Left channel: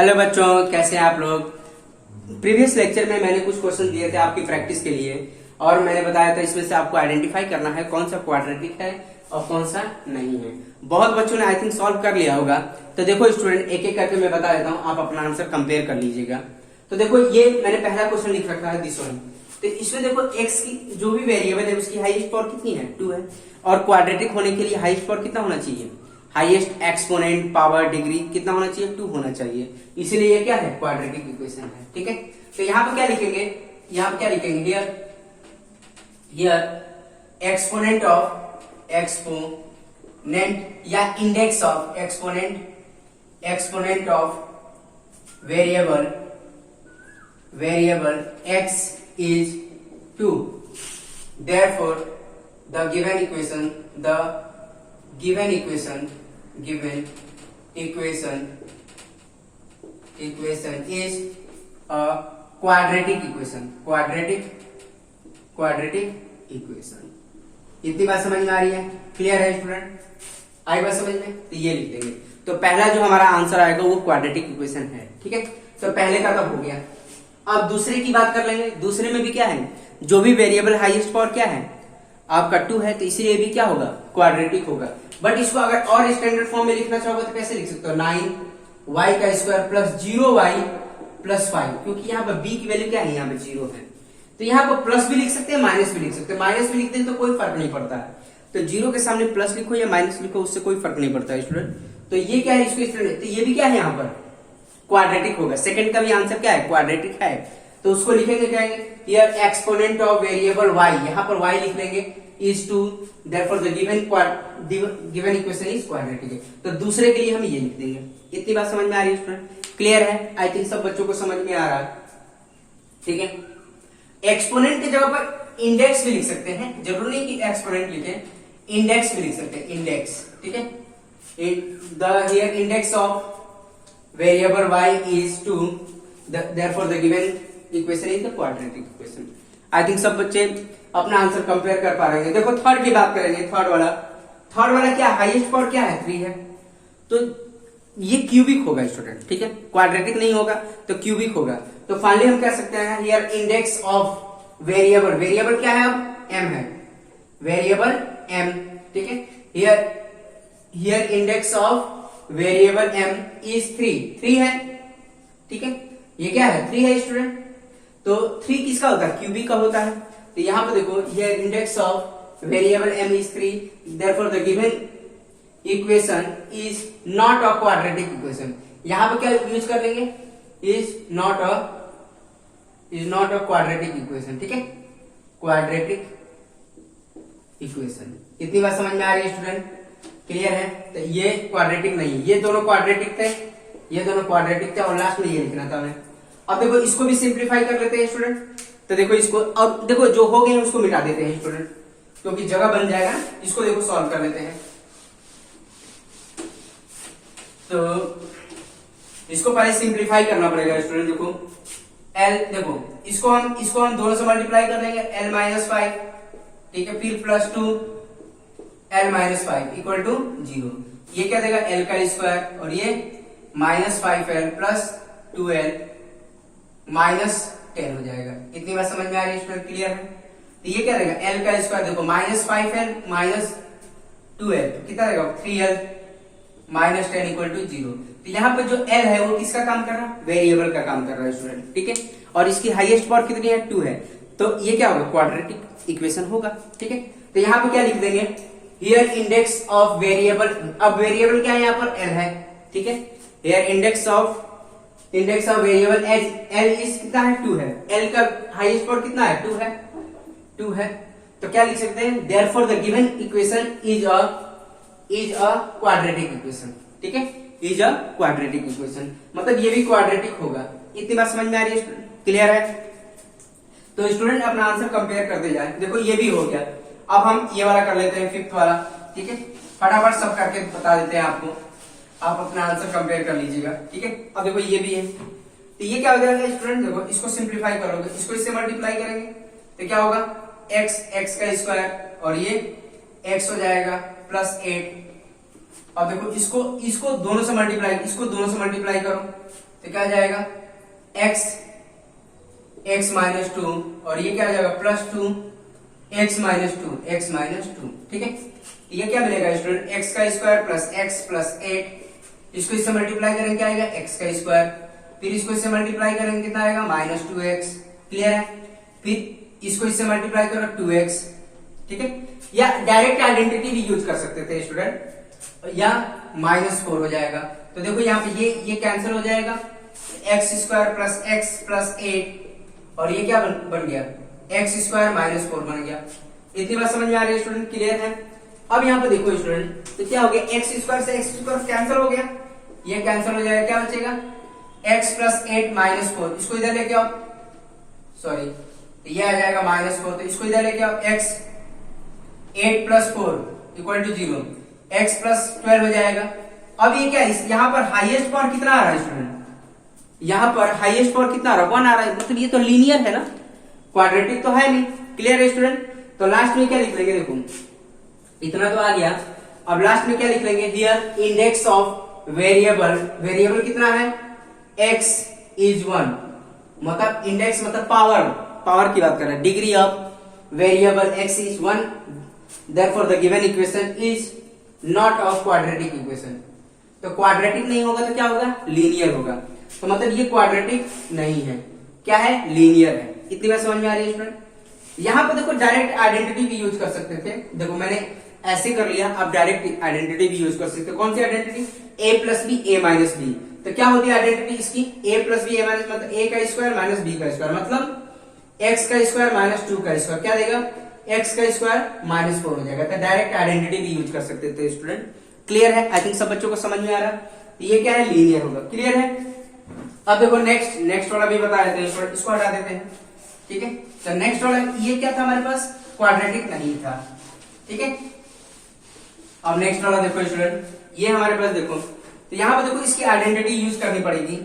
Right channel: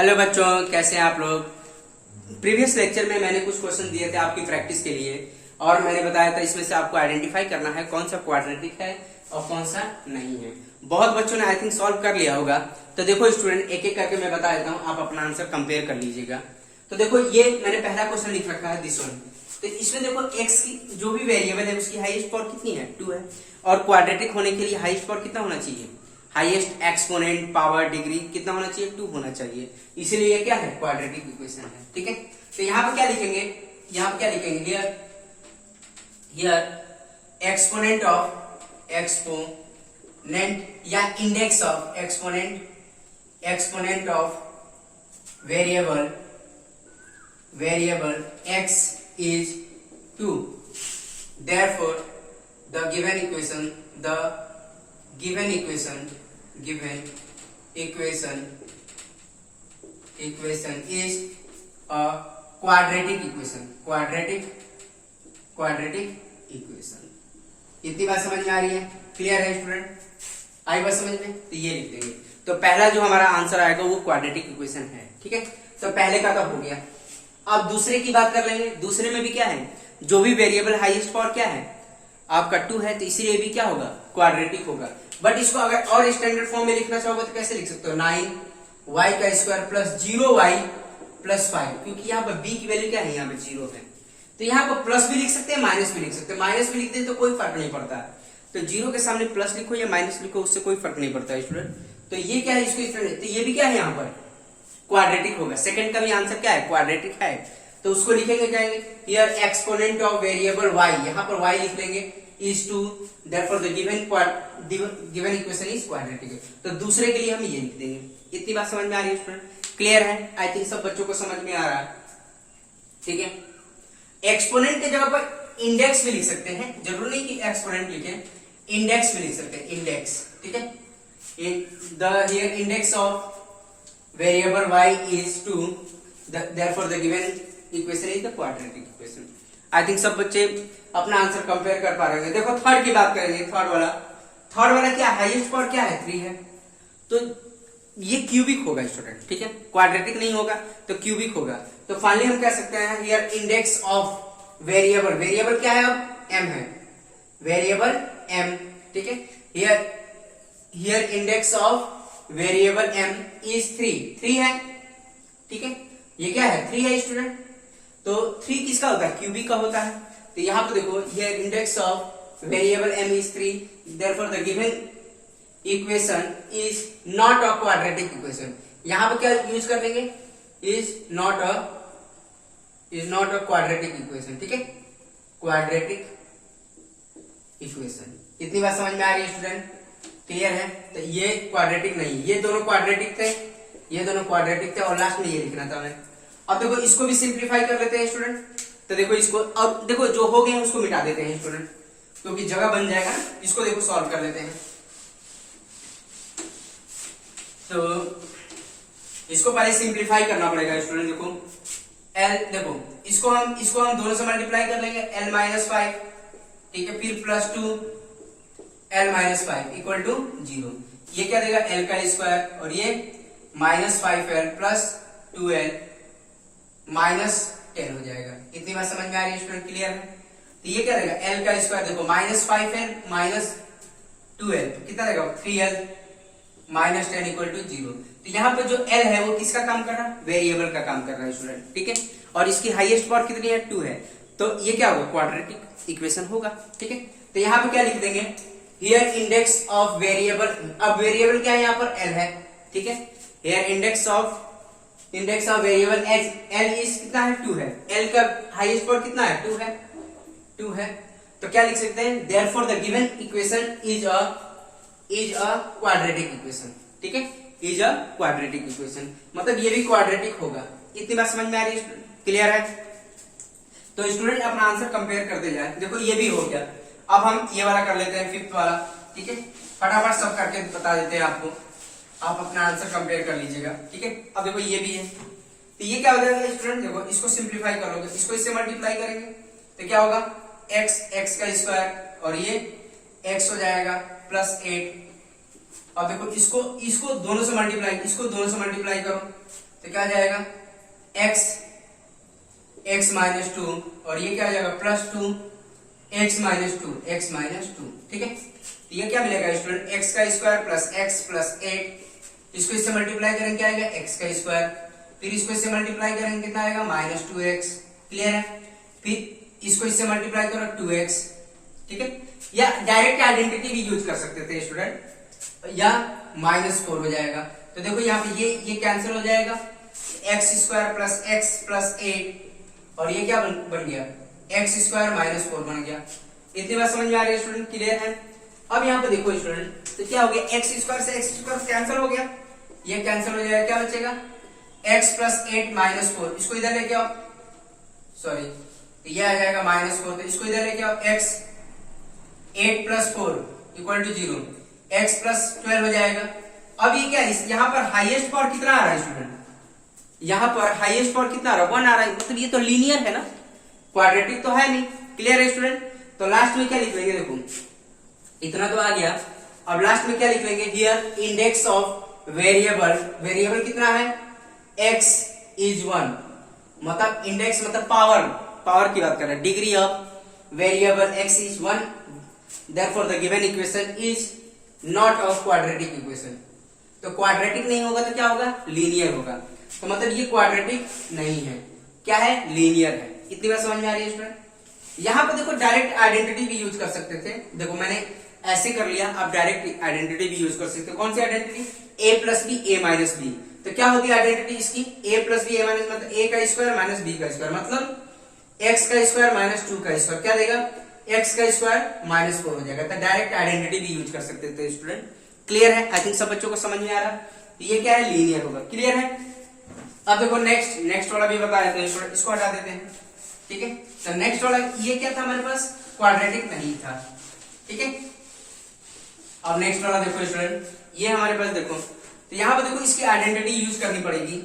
Hello बच्चों, कैसे हैं आप लोग। प्रीवियस लेक्चर में मैंने कुछ क्वेश्चन दिए थे आपकी प्रैक्टिस के लिए और मैंने बताया था इसमें से आपको आइडेंटिफाई करना है कौन सा क्वाड्रेटिक है और कौन सा नहीं है। बहुत बच्चों ने आई थिंक सॉल्व कर लिया होगा। तो देखो स्टूडेंट, एक एक करके मैं बता देता हूँ, आप अपना आंसर कंपेयर कर लीजिएगा। तो देखो ये मैंने पहला क्वेश्चन लिख रखा है, दिस वन। तो इसमें देखो एक्स की जो भी वेरिएबल है उसकी हाईएस्ट पावर कितनी है, 2 है। और क्वाड्रेटिक होने के लिए हाईएस्ट पावर कितना होना चाहिए, हाईएस्ट एक्सपोनेंट पावर डिग्री कितना होना चाहिए, 2 होना चाहिए। इसलिए ये क्या है, क्वाड्रेटिक इक्वेशन है। ठीक है, तो यहाँ पे क्या लिखेंगे, यहाँ पे क्या लिखेंगे, हियर एक्सपोनेंट ऑफ एक्सपोनेंट या index of exponent of variable x is 2. Therefore the given equation is a quadratic equation. इतनी बात समझ में आ रही है, क्लियर है स्टूडेंट, आई बात समझ में। तो ये लिख लेंगे। तो पहला जो हमारा आंसर आएगा वो क्वाड्रेटिक इक्वेशन है। ठीक है, तो पहले का तो हो गया। अब दूसरे की बात कर लेंगे। दूसरे में भी क्या है, जो भी वेरिएबल हाईएस्ट पावर क्या है आपका 2 है, तो इसीलिए भी क्या होगा, क्वाड्रेटिक होगा। बट इसको अगर और स्टैंडर्ड फॉर्म में लिखना चाहोगे तो कैसे लिख सकते हो, 9y का स्क्वायर प्लस 0y प्लस 5, क्योंकि यहाँ पर b की वैल्यू क्या है, यहाँ पे 0 है। तो यहाँ पर प्लस भी लिख सकते हैं, माइनस भी लिख सकते हैं। माइनस भी लिखते हैं तो कोई फर्क नहीं पड़ता है। तो 0 के सामने प्लस लिखो या माइनस लिखो, उससे कोई फर्क नहीं पड़ता है स्टूडेंट। तो ये क्या है, इसको इस तरह, तो ये भी क्या है, यहाँ पर क्वाड्रेटिक होगा। सेकंड का भी आंसर क्या है, क्वाड्रेटिक है। तो उसको लिखेंगे क्या है, here exponent of variable y, यहाँ पर y लिख लेंगे, is 2, therefore the given equation is quadratic. तो दूसरे के लिए हम ये लिख देंगे। इतनी बात समझ में आ रही है स्टूडेंट, क्लियर है। आई थिंक सब बच्चों को समझ में आ रहा है। ठीक है, एक्सपोनेंट की जगह पर इंडेक्स भी लिख सकते हैं, जरूर नहीं कि एक्सपोनेंट लिखे, इंडेक्स भी लिख सकते हैं, इंडेक्स। ठीक है, here index of variable y is 2, therefore the given equation is the quadratic equation. I think सब बच्चे अपना आंसर कंपेयर कर पा रहे हैं। देखो थर्ड की बात करेंगे। थर्ड वाला क्या, हाईएस्ट पावर क्या है, 3 है। तो ये क्यूबिक होगा स्टूडेंट। ठीक है, क्वाड्रेटिक नहीं होगा तो क्यूबिक होगा। तो फाइनली हम कह सकते हैं हियर इंडेक्स ऑफ वेरिएबल क्या है, अब m है, वेरिएबल m। ठीक है, here index of variable m is 3 है। ठीक है, ये क्या है, 3 है स्टूडेंट। तो 3 किसका होता है, क्यूबिक का होता है। तो यहां पर देखो, here index of variable m is 3, therefore the given equation is not a quadratic equation. यहां पर क्या यूज कर लेंगे, is not a quadratic equation. ठीक है, क्वाड्रेटिक इक्वेशन। इतनी बात समझ में आ रही है स्टूडेंट, क्लियर है। तो ये क्वाड्रेटिक नहीं, ये दोनों क्वाड्रेटिक थे, और लास्ट में ये लिखना था हमें। अब देखो इसको भी सिंप्लीफाई कर लेते हैं स्टूडेंट। तो देखो इसको, और देखो जो हो गए उसको मिटा देते हैं स्टूडेंट, क्योंकि जगह बन जाएगा ना। इसको देखो सॉल्व कर लेते हैं। तो इसको पहले सिंप्लीफाई करना पड़ेगा स्टूडेंट। देखो l, देखो इसको हम दोनों से मल्टीप्लाई कर लेंगे, l माइनस 5। ठीक है, फिर plus 2 l minus 5 equal to 0। ये क्या देगा, l का स्क्वायर, और ये minus 5l plus 2l minus 10 हो जाएगा। इतनी बात समझ में आ रही है स्टूडेंट, क्लियर है। तो ये क्या देगा, l का स्क्वायर, देखो माइनस 5l माइनस 2l कितना देगा, 3l माइनस 10 इक्वल टू 0। तो यहाँ पे जो l है वो किसका काम कर रहा है, वेरिएबल का काम कर रहा है स्टूडेंट। ठीक है, और इसकी हाईएस्ट पावर कितनी है, 2 है। तो ये क्या होगा, क्वाड्रेटिक इक्वेशन होगा। ठीक है, तो यहाँ पे क्या लिख देंगे, हियर इंडेक्स ऑफ वेरिएबल, अब वेरिएबल क्या है यहाँ पर, l है। ठीक है, here index of variable l is कितना है, 2 है। l का हाईएस्ट पावर कितना है, 2 है। तो क्या लिख सकते हैं, therefore the given equation is a quadratic equation. ठीक है, इज अ क्वाड्रेटिक इक्वेशन, मतलब ये भी क्वाड्रेटिक होगा। इतनी बात समझ में आ रही है, क्लियर है। तो स्टूडेंट अपना आंसर कंपेयर करते जाए। देखो ये भी हो गया। अब हम ये वाला कर लेते हैं, 5th वाला। ठीक है, फटाफट सब करके बता देते हैं आपको, आप अपना आंसर कंपेयर कर लीजिएगा। ठीक है, अब देखो ये भी है। तो ये क्या हो जाएगा स्टूडेंट, देखो इसको सिंप्लीफाई करोगे, इसको इससे मल्टीप्लाई करेंगे तो क्या होगा, x का स्क्वायर, और ये x हो जाएगा प्लस 8। अब देखो इसको दोनों से मल्टीप्लाई करो तो क्या जाएगा x x माइनस 2 और ये क्या आ जाएगा +2 x माइनस 2 ठीक है। ये क्या मिलेगा स्टूडेंट x का स्क्वायर प्लस x प्लस 8, इसको इससे मल्टीप्लाई करेंगे क्या आएगा x का स्क्वायर, फिर इसको इससे मल्टीप्लाई करेंगे कितना आएगा -2x, क्लियर है। फिर इसको इससे मल्टीप्लाई करो 2x, ठीक है। या डायरेक्ट आइडेंटिटी भी यूज कर सकते थे स्टूडेंट, या -4 हो जाएगा। तो देखो यहाँ पे ये कैंसिल हो जाएगा, x square plus x plus 8 और ये क्या बन गया एक्स स्क्वायर -4 बन गया। इतनी बात समझ में आ रही है स्टूडेंट, क्लियर है। अब यहाँ पे देखो स्टूडेंट, तो क्या हो गया एक्स स्क्वायर से एक्स स्क्वायर कैंसिल हो गया, ये कैंसिल हो जाएगा, क्या बचेगा x प्लस 8 -4, इसको इधर लेके आओ, सॉरी ये आ जाएगा -4, तो इसको इधर लेके आओ, x 8 plus 4 equal to 0, x plus 12 हो जाएगा। अब ये क्या है, यहाँ पर हाईएस्ट पावर कितना आ रहा है स्टूडेंट, यहाँ पर हाईएस्ट पावर कितना आ रहा है 1 आ रहा है, मतलब ये तो लीनियर है ना, क्वाड्रेटिक तो है नहीं, क्लियर है स्टूडेंट। तो लास्ट में क्या लिख लेंगे, देखो इतना तो आ गया। अब लास्ट में क्या लिख लेंगे, here index of variable, variable कितना है x इज 1, मतलब इंडेक्स मतलब पावर की बात कर रहे हैं, degree of variable x is 1, therefore the given equation is not of quadratic equation. तो क्वाड्रेटिक नहीं होगा तो क्या होगा, लीनियर होगा। तो मतलब ये क्वाड्रेटिक नहीं है, क्या है, लीनियर है। इतनी बात समझ में आ रही है स्टूडेंट। यहाँ पे देखो डायरेक्ट आइडेंटिटी भी यूज कर सकते थे, देखो मैंने ऐसे कर लिया, आप डायरेक्ट आइडेंटिटी भी यूज कर सकते हो। कौन सी identity, a plus b a minus b. तो क्या होती है आइडेंटिटी इसकी, a plus b a minus, मतलब a का स्क्वायर माइनस b का स्क्वायर, मतलब x का स्क्वायर माइनस 2 का स्क्वायर, क्या देगा x का स्क्वायर -4 हो जाएगा। तो डायरेक्ट आइडेंटिटी भी यूज कर सकते थे स्टूडेंट, क्लियर है। आई थिंक सब बच्चों को समझ में आ रहा है, ये क्या है, लीनियर होगा, क्लियर है। अब देखो नेक्स्ट वाला भी बता देते हैं, इसको हटा देते हैं, ठीक है। तो नेक्स्ट वाला ये क्या था हमारे पास, क्वाड्रेटिक नहीं था, ठीक है। अब नेक्स्ट वाला देखो स्टूडेंट, ये हमारे पास देखो, तो यहाँ पर देखो इसकी आइडेंटिटी यूज करनी पड़ेगी,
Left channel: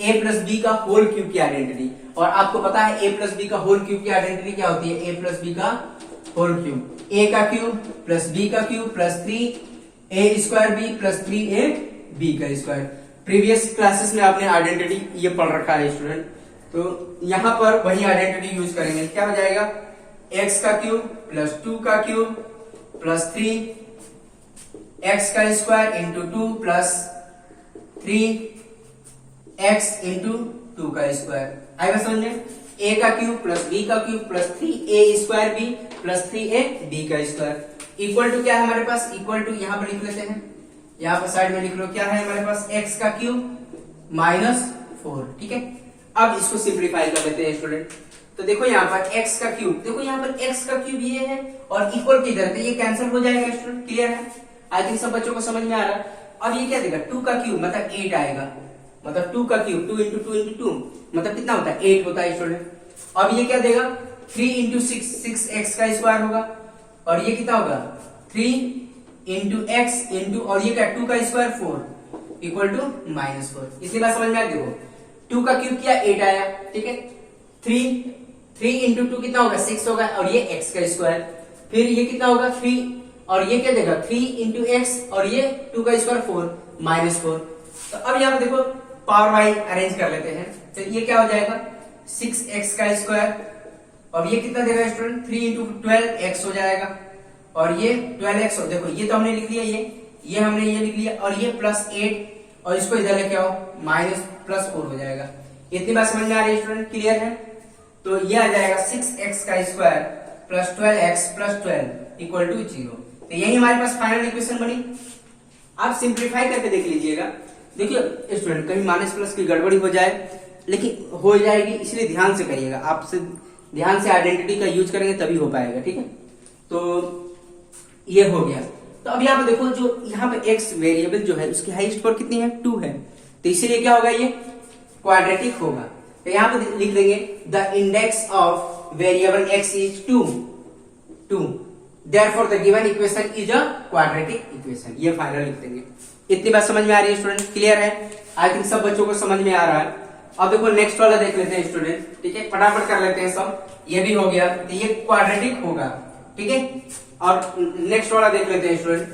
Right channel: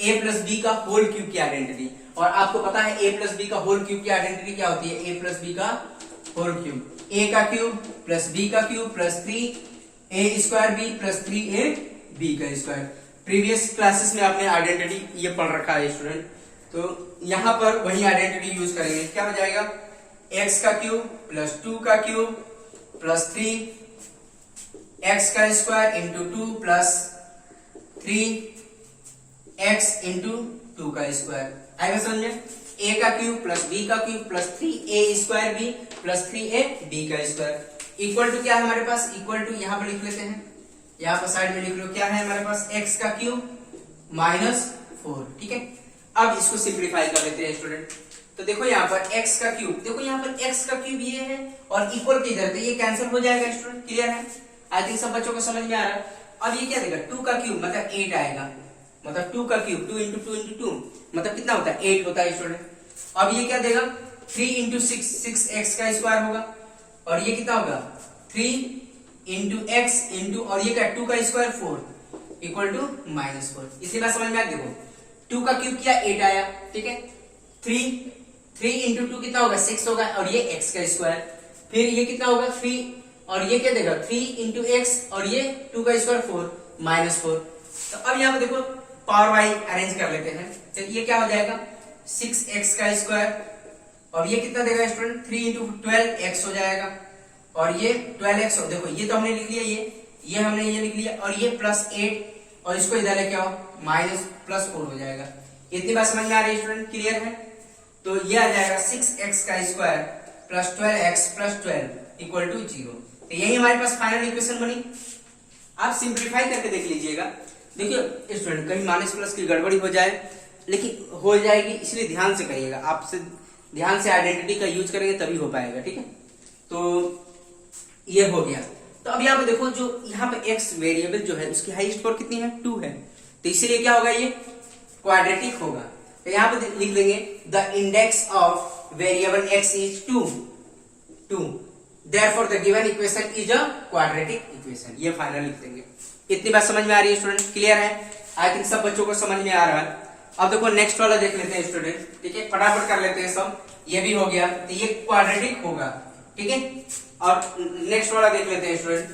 a प्लस बी का होल क्यूब की आइडेंटिटी। और आपको पता है a प्लस बी का होल क्यूब की आइडेंटिटी क्या होती है, a प्लस बी का होल क्यूब, a का क्यूब प्लस b का cube plus 3a square b plus 3a b का स्क्वायर। प्रीवियस क्लासेस में आपने आइडेंटिटी ये पढ़ रखा है स्टूडेंट, तो यहाँ पर वही आइडेंटिटी यूज करेंगे, क्या हो जाएगा x का क्यूब प्लस 2 का क्यूब प्लस 3 x का square into 2 plus 3x into 2 का स्क्वायर। आएगा समझ में, a का क्यूब प्लस b का cube plus 3a square b plus 3a b का स्क्वायर इक्वल टू क्या है हमारे पास, इक्वल टू यहाँ पर लिख लेते हैं, यहाँ पर साइड में लिख लो, क्या है हमारे पास x का क्यूब -4, ठीक है। अब इसको सिंप्लीफाई कर लेते हैं स्टूडेंट। तो देखो यहाँ पर x का क्यूब, देखो यहाँ पर x का क्यूब ये है और इक्वल की इधर, तो ये कैंसिल हो जाएगा स्टूडेंट, क्लियर है। आई थिंक सब बच्चों को समझ में आ रहा है। अब ये क्या देगा, 2 का क्यूब मतलब 8 आएगा, मतलब 2 का क्यूब 2 इंटू 2 इंटू 2 मतलब कितना होता है 8 होता है स्टूडेंट। अब ये क्या देगा 3 इंटू 6x का स्क्वायर होगा, और ये कितना होगा 3 इंटू x इंटू, और ये क्या 2 का स्क्वायर 4 इक्वल टू -4। इसी बात समझ में आ, देखो 2 का क्यूब किया 8 आया, ठीक है। 3 इंटू 2 कितना होगा 6 होगा, और ये x का स्क्वायर, फिर ये कितना होगा 3, और ये क्या देगा 3 इंटू एक्स, और ये 2 का स्क्वायर 4 -4। तो अब यहाँ पे देखो पावर वाइज अरेंज कर लेते हैं, तो ये क्या हो जाएगा 6x का स्क्वायर, और ये कितना देगा स्टूडेंट 3 इंटू 12x हो जाएगा, और ये 12x हो, देखो ये तो हमने लिख लिया, ये हमने ये लिख लिया, और ये प्लस 8 और इसको इधर लेके आओ -+4 हो जाएगा। इतनी बात समझ में आ रही है स्टूडेंट, क्लियर है। तो ये आ जाएगा 6x का square plus 12x plus 12 equal to 0। तो यही हमारे पास फाइनल इक्वेशन बनी। आप सिंप्लीफाई करके देख लीजिएगा। देखिए स्टूडेंट, कभी माइनस प्लस की गड़बड़ी हो जाए, लेकिन हो जाएगी, इसलिए ध्यान से करिएगा, आपसे ध्यान से आइडेंटिटी का यूज करेंगे तभी हो पाएगा, ठीक है। तो ये हो गया। तो अब यहाँ पे देखो, जो यहाँ पे x वेरिएबल जो है उसकी हाईएस्ट पावर कितनी है 2 है, तो इसीलिए क्या होगा, ये क्वाड्रेटिक होगा। तो यहाँ पे लिख देंगे the index of variable x is 2, therefore the given equation is a quadratic equation। ये फाइनल लिख देंगे। इतनी बात समझ में आ रही है स्टूडेंट, क्लियर है। आई थिंक सब बच्चों को समझ में आ रहा है। अब देखो नेक्स्ट वाला देख लेते हैं स्टूडेंट, ठीक है, फटाफट कर लेते हैं सब। ये भी हो गया, तो ये क्वाड्रेटिक होगा, ठीक है। अब नेक्स्ट वाला देख लेते हैं स्टूडेंट,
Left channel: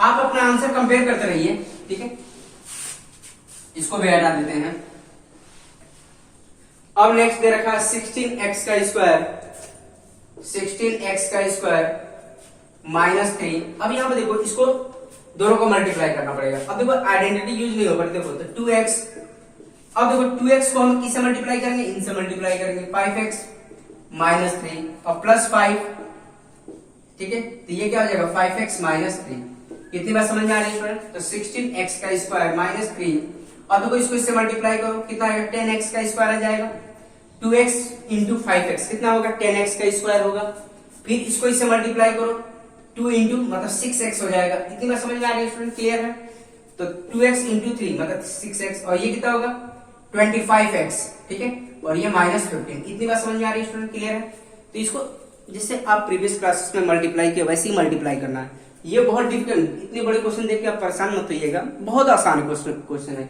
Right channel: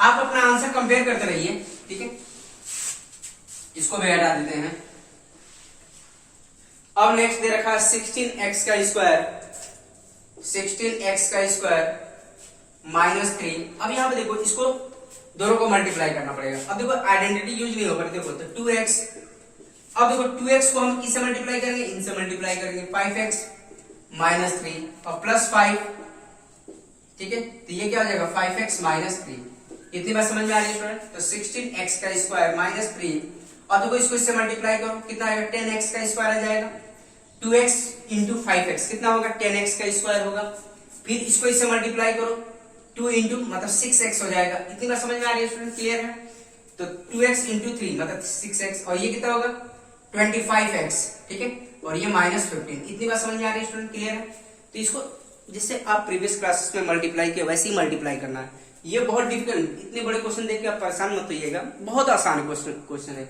आप अपना आंसर कंपेयर करते रहिए, ठीक है। इसको भी हटा देते हैं। अब नेक्स्ट दे रखा 16x का स्क्वायर, 16x का स्क्वायर माइनस 3। अब यहाँ पे देखो इसको दोनों को मल्टीप्लाई करना पड़ेगा। अब देखो आइडेंटिटी यूज नहीं होगा, देखो तो 2x। अब देखो 2x को हम किससे मल्टीप्लाई करेंगे, इनसे मल्टीप्लाई करेंगे, 5x माइनस 3 और प्लस 5, ठीक है। तो ये क्या हो जाएगा 5x माइनस 3। इतनी बात समझ में आ रही है स्टूडेंट। तो 16x का स्क्वायर माइनस 3, और देखो इसको इससे मल्टीप्लाई करो, कितना आएगा 10x का स्क्वायर आ जाएगा। 2x इंटू 5x कितना होगा 10x का स्क्वायर होगा। फिर इसको इससे मल्टीप्लाई करो, 2 इंटू मतलब 6x हो जाएगा। इतनी बात समझ में आ रही है स्टूडेंट, क्लियर है। तो 2x इंटू 3 मतलब 6x, और ये कितना होगा 25x, ठीक है। और ये माइनस 15। इतनी बात समझ में आ रही है स्टूडेंट, क्लियर है। तो इसको जैसे आप प्रीवियस क्लासेस में मल्टीप्लाई किया वैसे ही मल्टीप्लाई करना है। ये बहुत डिफिकल्ट, इतने बड़े क्वेश्चन देख के आप परेशान मत होइएगा, बहुत आसान क्वेश्चन है,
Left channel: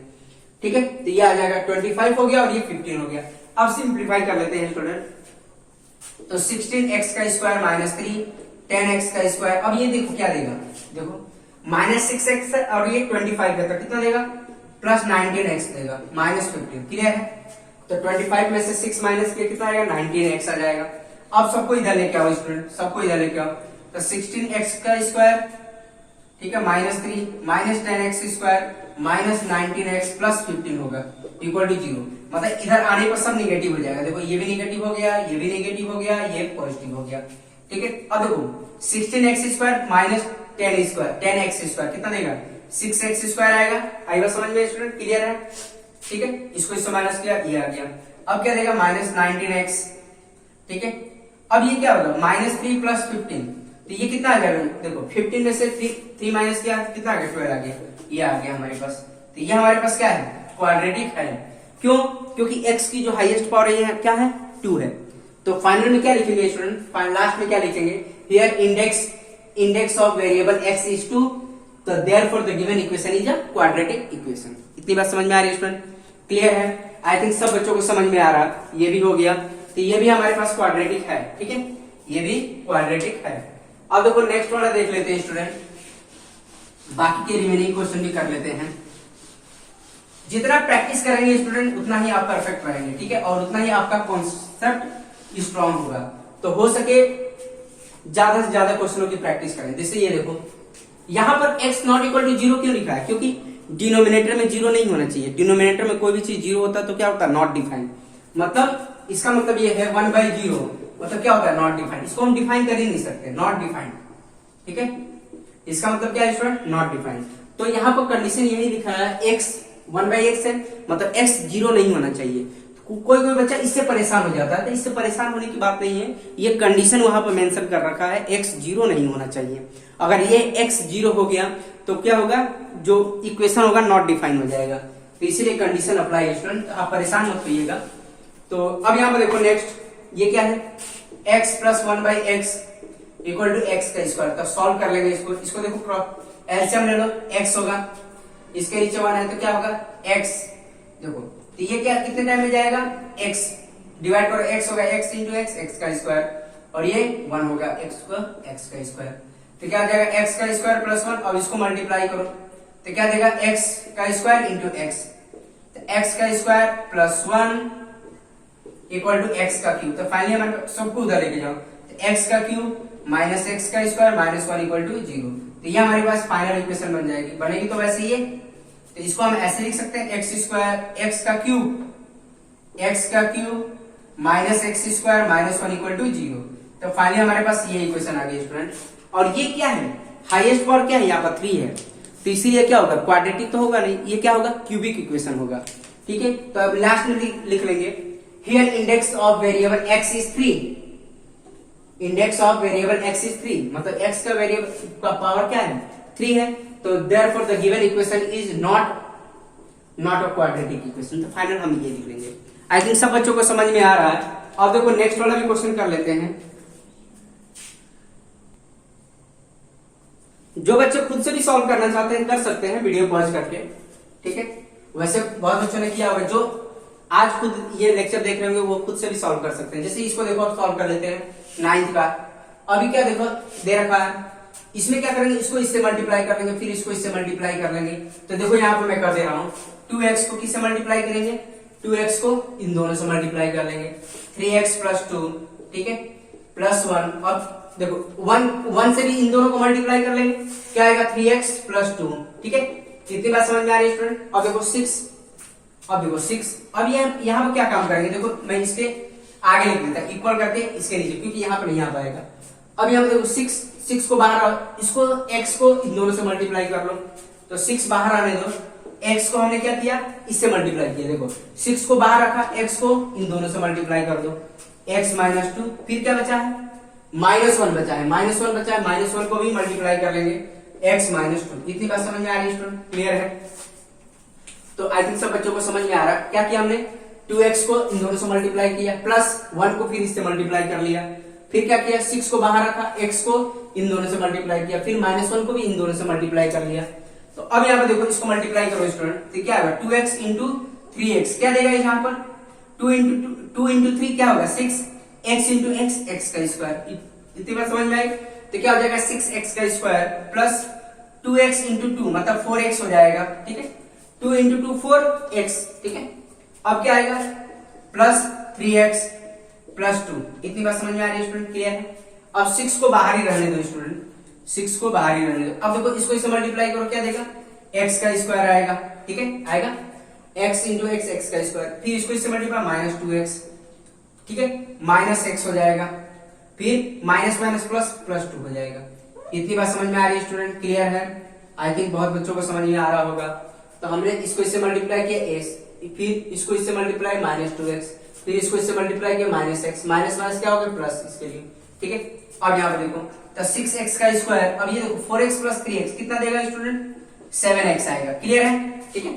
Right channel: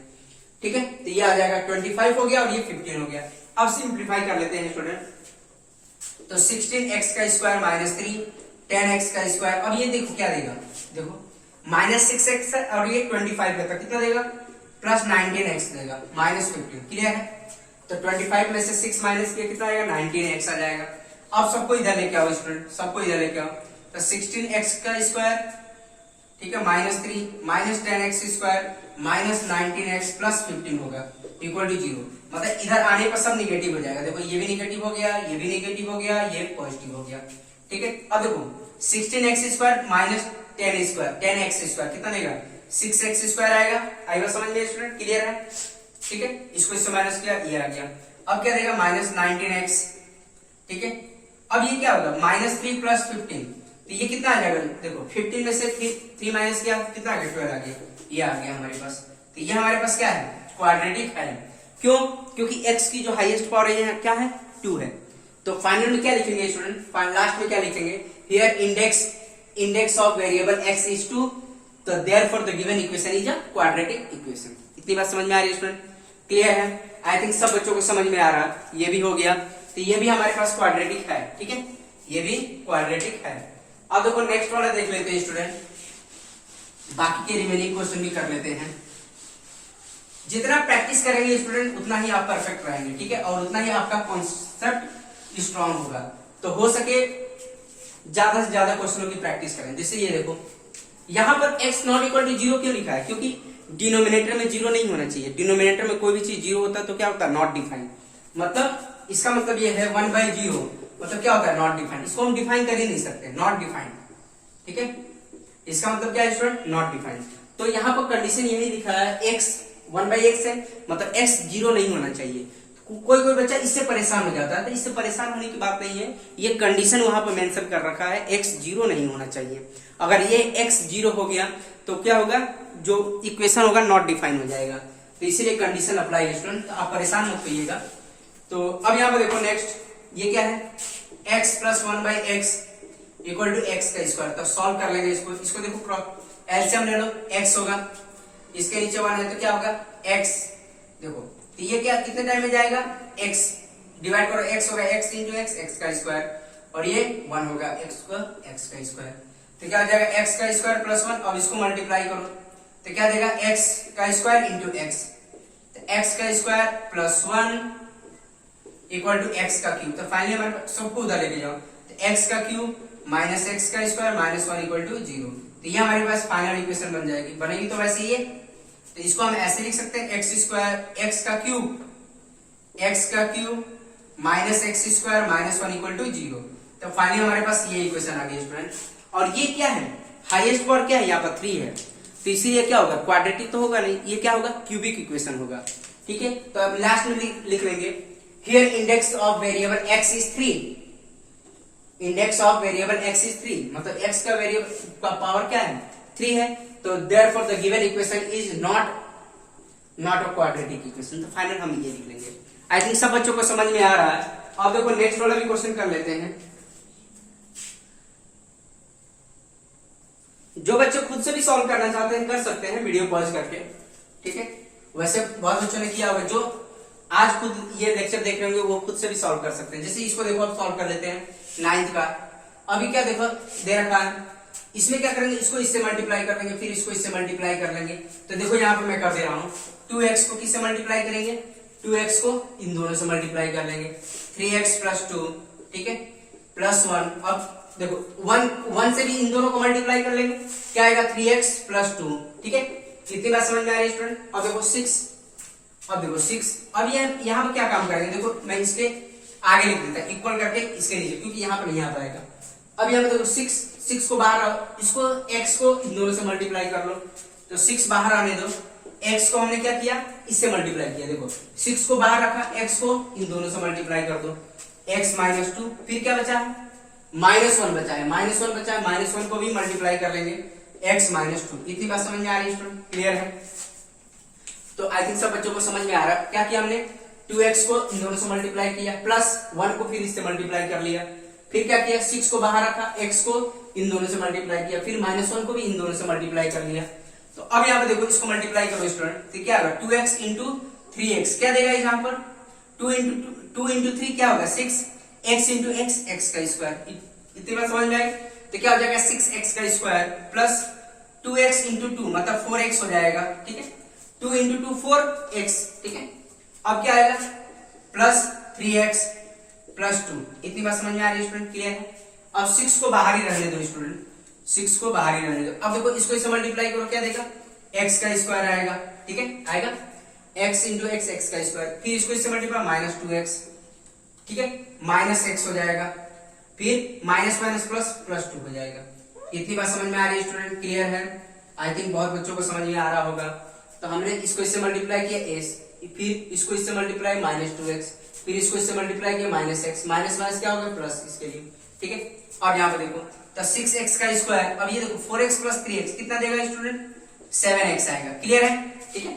ठीक है। तो ये आ जाएगा 25 हो गया और ये 15 हो गया। अब सिंप्लीफाई कर लेते हैं स्टूडेंट। तो 16x का स्क्वायर माइनस 3, 10x का स्क्वायर। अब ये देखो क्या देगा, देखो माइनस 6x है और ये 25 देता, कितना देगा प्लस 19x देगा, माइनस 15, क्लियर है। तो 25 में से 6 माइनस किया कितना आएगा 19x आ जाएगा। अब सबको इधर लेके आओ स्टूडेंट, सबको इधर लेके आओ। तो 16x का स्क्वायर, ठीक है, minus 3 minus 10x square minus 19x plus 15 होगा इक्वल टू 0। मतलब इधर आने पर सब निगेटिव हो जाएगा। देखो ये भी निगेटिव हो गया, ये भी निगेटिव हो गया, ये पॉजिटिव हो गया, ठीक है। अब देखो 16x square minus 10 square 10x square कितना देगा 6x स्क्वायर आएगा। आएगा समझ में स्टूडेंट, क्लियर है, ठीक है। इसको इससे माइनस किया, ये आ गया। अब क्या देगा माइनस 19x, ठीक है। अब ये क्या होगा माइनस 3 प्लस 15, तो ये कितना आ जाएगा, देखो 15 में से 3 माइनस किया कितना आ गया 12 आ गया, ये आ गया हमारे पास। तो ये हमारे पास क्या है क्वाड्रेटिक है। क्यों, क्योंकि x की जो हाईएस्ट पावर है क्या है 2 है। तो फाइनल में क्या लिखेंगे स्टूडेंट, लास्ट में क्या लिखेंगे, here index of variable x is 2, तो therefore the given equation is a quadratic equation. इतनी बात समझ में आ रही है स्टूडेंट, क्लियर है। आई थिंक सब बच्चों को समझ में आ रहा है, ये भी हो गया। तो ये भी हमारे पास क्वाड्रेटिक है, ठीक है, ये भी क्वाड्रेटिक है। अब देखो नेक्स्ट वाला देख लेते हैं स्टूडेंट, बाकी के रिमेनिंग क्वेश्चन भी कर लेते हैं। जितना प्रैक्टिस करेंगे स्टूडेंट उतना ही आप परफेक्ट रहेंगे, ठीक है, और उतना ही आपका कॉन्सेप्ट स्ट्रांग होगा। तो हो सके ज्यादा से ज्यादा क्वेश्चनों की प्रैक्टिस करें। जैसे ये देखो यहां पर x नॉट इक्वल टू 0 क्यों लिखा है, क्योंकि डिनोमिनेटर में 0 नहीं होना चाहिए। डिनोमिनेटर में कोई भी चीज 0 होता है तो क्या होता है नॉट डिफाइंड। मतलब इसका मतलब ये है 1/0 मतलब क्या होता है नॉट डिफाइंड। इसको हम डिफाइन कर ही नहीं सकते, नॉट डिफाइंड, ठीक है। इसका मतलब क्या है स्टूडेंट नॉट डिफाइंड। तो यहाँ पर कंडीशन यही लिखा है x 1/x है, मतलब x 0 नहीं होना चाहिए। कोई बच्चा इससे परेशान हो जाता है, तो इससे परेशान होने की बात नहीं है। ये कंडीशन वहां पर मेंशन कर रखा है x 0 नहीं होना चाहिए। अगर ये x 0 हो गया तो क्या होगा, जो इक्वेशन होगा नॉट डिफाइन हो जाएगा। तो इसीलिए कंडीशन अप्लाई है स्टूडेंट, तो आप परेशान मत होइएगा। तो अब यहाँ पर देखो नेक्स्ट ये क्या है x plus 1/x equal to x का स्क्वायर। तो सॉल्व कर लेंगे इसको। इसको देखो एलसीएम ले लो, x होगा, इसके नीचे 1 है तो क्या होगा x। देखो तो ये क्या कितने टाइम में जाएगा x डिवाइड करो, x होगा x इंटू x का स्क्वायर, और ये 1 होगा x का स्क्वायर। तो क्या आ जाएगा x का स्क्वायर प्लस 1। अब इसको मल्टीप्लाई करो तो क्या देगा x का स्क्वायर इंटू x। तो x का square plus 1 equal to x का क्यूब। तो फाइनली हमारे सबको उधर लेके जाओ, तो x का क्यूब माइनस x का स्क्वायर माइनस 1 इक्वल टू 0। तो ये हमारे पास फाइनल इक्वेशन बन जाएगी। बनेगी तो वैसे ही है, तो इसको हम ऐसे लिख सकते हैं x स्क्वायर x का cube minus x square minus 1 equal to 0। तो फाइनली हमारे पास ये इक्वेशन आ गई स्टूडेंट। और ये क्या है हाईएस्ट पावर क्या है यहाँ पर 3 है, तो इसीलिए क्या होगा क्वाड्रेटिक तो होगा नहीं, ये क्या होगा क्यूबिक इक्वेशन होगा, ठीक है। तो अब लास्ट में लिख लेंगे here index of variable x is 3। Index of variable x is 3 मतलब x का वेरिएबल का पावर क्या है 3 है। तो therefore the given equation is not a quadratic equation. तो फाइनल हम ये लिख लेंगे। आई थिंक सब बच्चों को समझ में आ रहा है। अब देखो नेक्स्ट वाला भी क्वेश्चन कर लेते हैं। जो बच्चे खुद से भी सॉल्व करना चाहते हैं कर सकते हैं वीडियो पॉज करके, ठीक है। वैसे बहुत बच्चों ने किया होगा, जो आज खुद ये लेक्चर देख रहे होंगे वो खुद से भी सॉल्व कर सकते हैं। जैसे इसको देखो आप सॉल्व कर लेते हैं 9th का। अभी क्या देखो दे रखा है इसमें क्या करेंगे, इसको इससे मल्टीप्लाई कर लेंगे, फिर इसको इससे मल्टीप्लाई कर लेंगे। तो देखो यहाँ पे मैं कर दे रहा हूँ, 2x को किससे मल्टीप्लाई करेंगे, 2x को इन दोनों से मल्टीप्लाई कर लेंगे, 3x प्लस 2, ठीक है, प्लस 1। अब देखो 1 से भी इन दोनों को मल्टीप्लाई कर लेंगे, क्या आएगा 3x प्लस 2, ठीक है। इतनी बात समझ में आ रही है स्टूडेंट। अब देखो 6, अब ये यहाँ पर क्या काम करेंगे, देखो मैं इसके आगे लिख देता, इक्वल करके इसके नीचे, क्योंकि यहाँ पर नहीं आ पाएगा। अब यहाँ पे देखो 6 को बाहर, इसको x को इन दोनों से मल्टीप्लाई कर लो, तो 6 बाहर आने दो, x को हमने क्या किया, इससे मल्टीप्लाई किया। देखो 6 को बाहर रखा, x को इन दोनों से मल्टीप्लाई कर दो, x माइनस 2, फिर क्या बचा है, -1 बचा है, -1 को भी मल्टीप्लाई कर लेंगे, x माइनस 2। इतनी बात समझ में आ रही है, क्लियर है। तो आई थिंक सब बच्चों को समझ में आ रहा है। क्या किया हमने, 2x को इन दोनों से मल्टीप्लाई किया, प्लस 1 को फिर इससे मल्टीप्लाई कर लिया, फिर क्या किया, 6 को बाहर रखा, x को इन दोनों से मल्टीप्लाई किया, फिर -1 को भी इन दोनों से मल्टीप्लाई कर लिया। तो अब यहाँ पे देखो इसको मल्टीप्लाई करो स्टूडेंट, तो क्या होगा, 2x इंटू 3x, क्या देगा यहाँ पर, 2 इंटू 3 क्या होगा, 6, x इंटू x, x का स्क्वायर। इतनी बात समझ में आई। तो क्या हो जाएगा, 6x का स्क्वायर प्लस 2x इंटू 2 मतलब 4x हो जाएगा, ठीक है, 2 इंटू 2 4x, ठीक है। अब क्या आएगा, प्लस 3x प्लस 2। इतनी बात समझ में आ रही है स्टूडेंट, क्लियर है। अब 6 को बाहर ही रहने दो स्टूडेंट, 6 को बाहर ही रहने दो। अब देखो इसको इससे मल्टीप्लाई करो, क्या देगा, x का स्क्वायर आएगा, ठीक है, आएगा x इंटू x, x का स्क्वायर, फिर इसको इससे मल्टीप्लाई -2x, ठीक है, -x हो जाएगा, फिर माइनस माइनस प्लस प्लस 2 हो जाएगा। इतनी बात समझ में आ रही है स्टूडेंट, क्लियर है। आई थिंक बहुत बच्चों को समझ में आ रहा होगा। तो हमने इसको इससे मल्टीप्लाई किया x, फिर इसको इससे मल्टीप्लाई -2x, फिर इसको इससे मल्टीप्लाई किया -x, माइनस माइनस क्या होगा प्लस इसके लिए, ठीक है। अब यहाँ पर देखो, तो 6x का स्क्वायर, अब ये देखो 4x प्लस 3x कितना देगा स्टूडेंट, 7x आएगा, क्लियर है, ठीक है,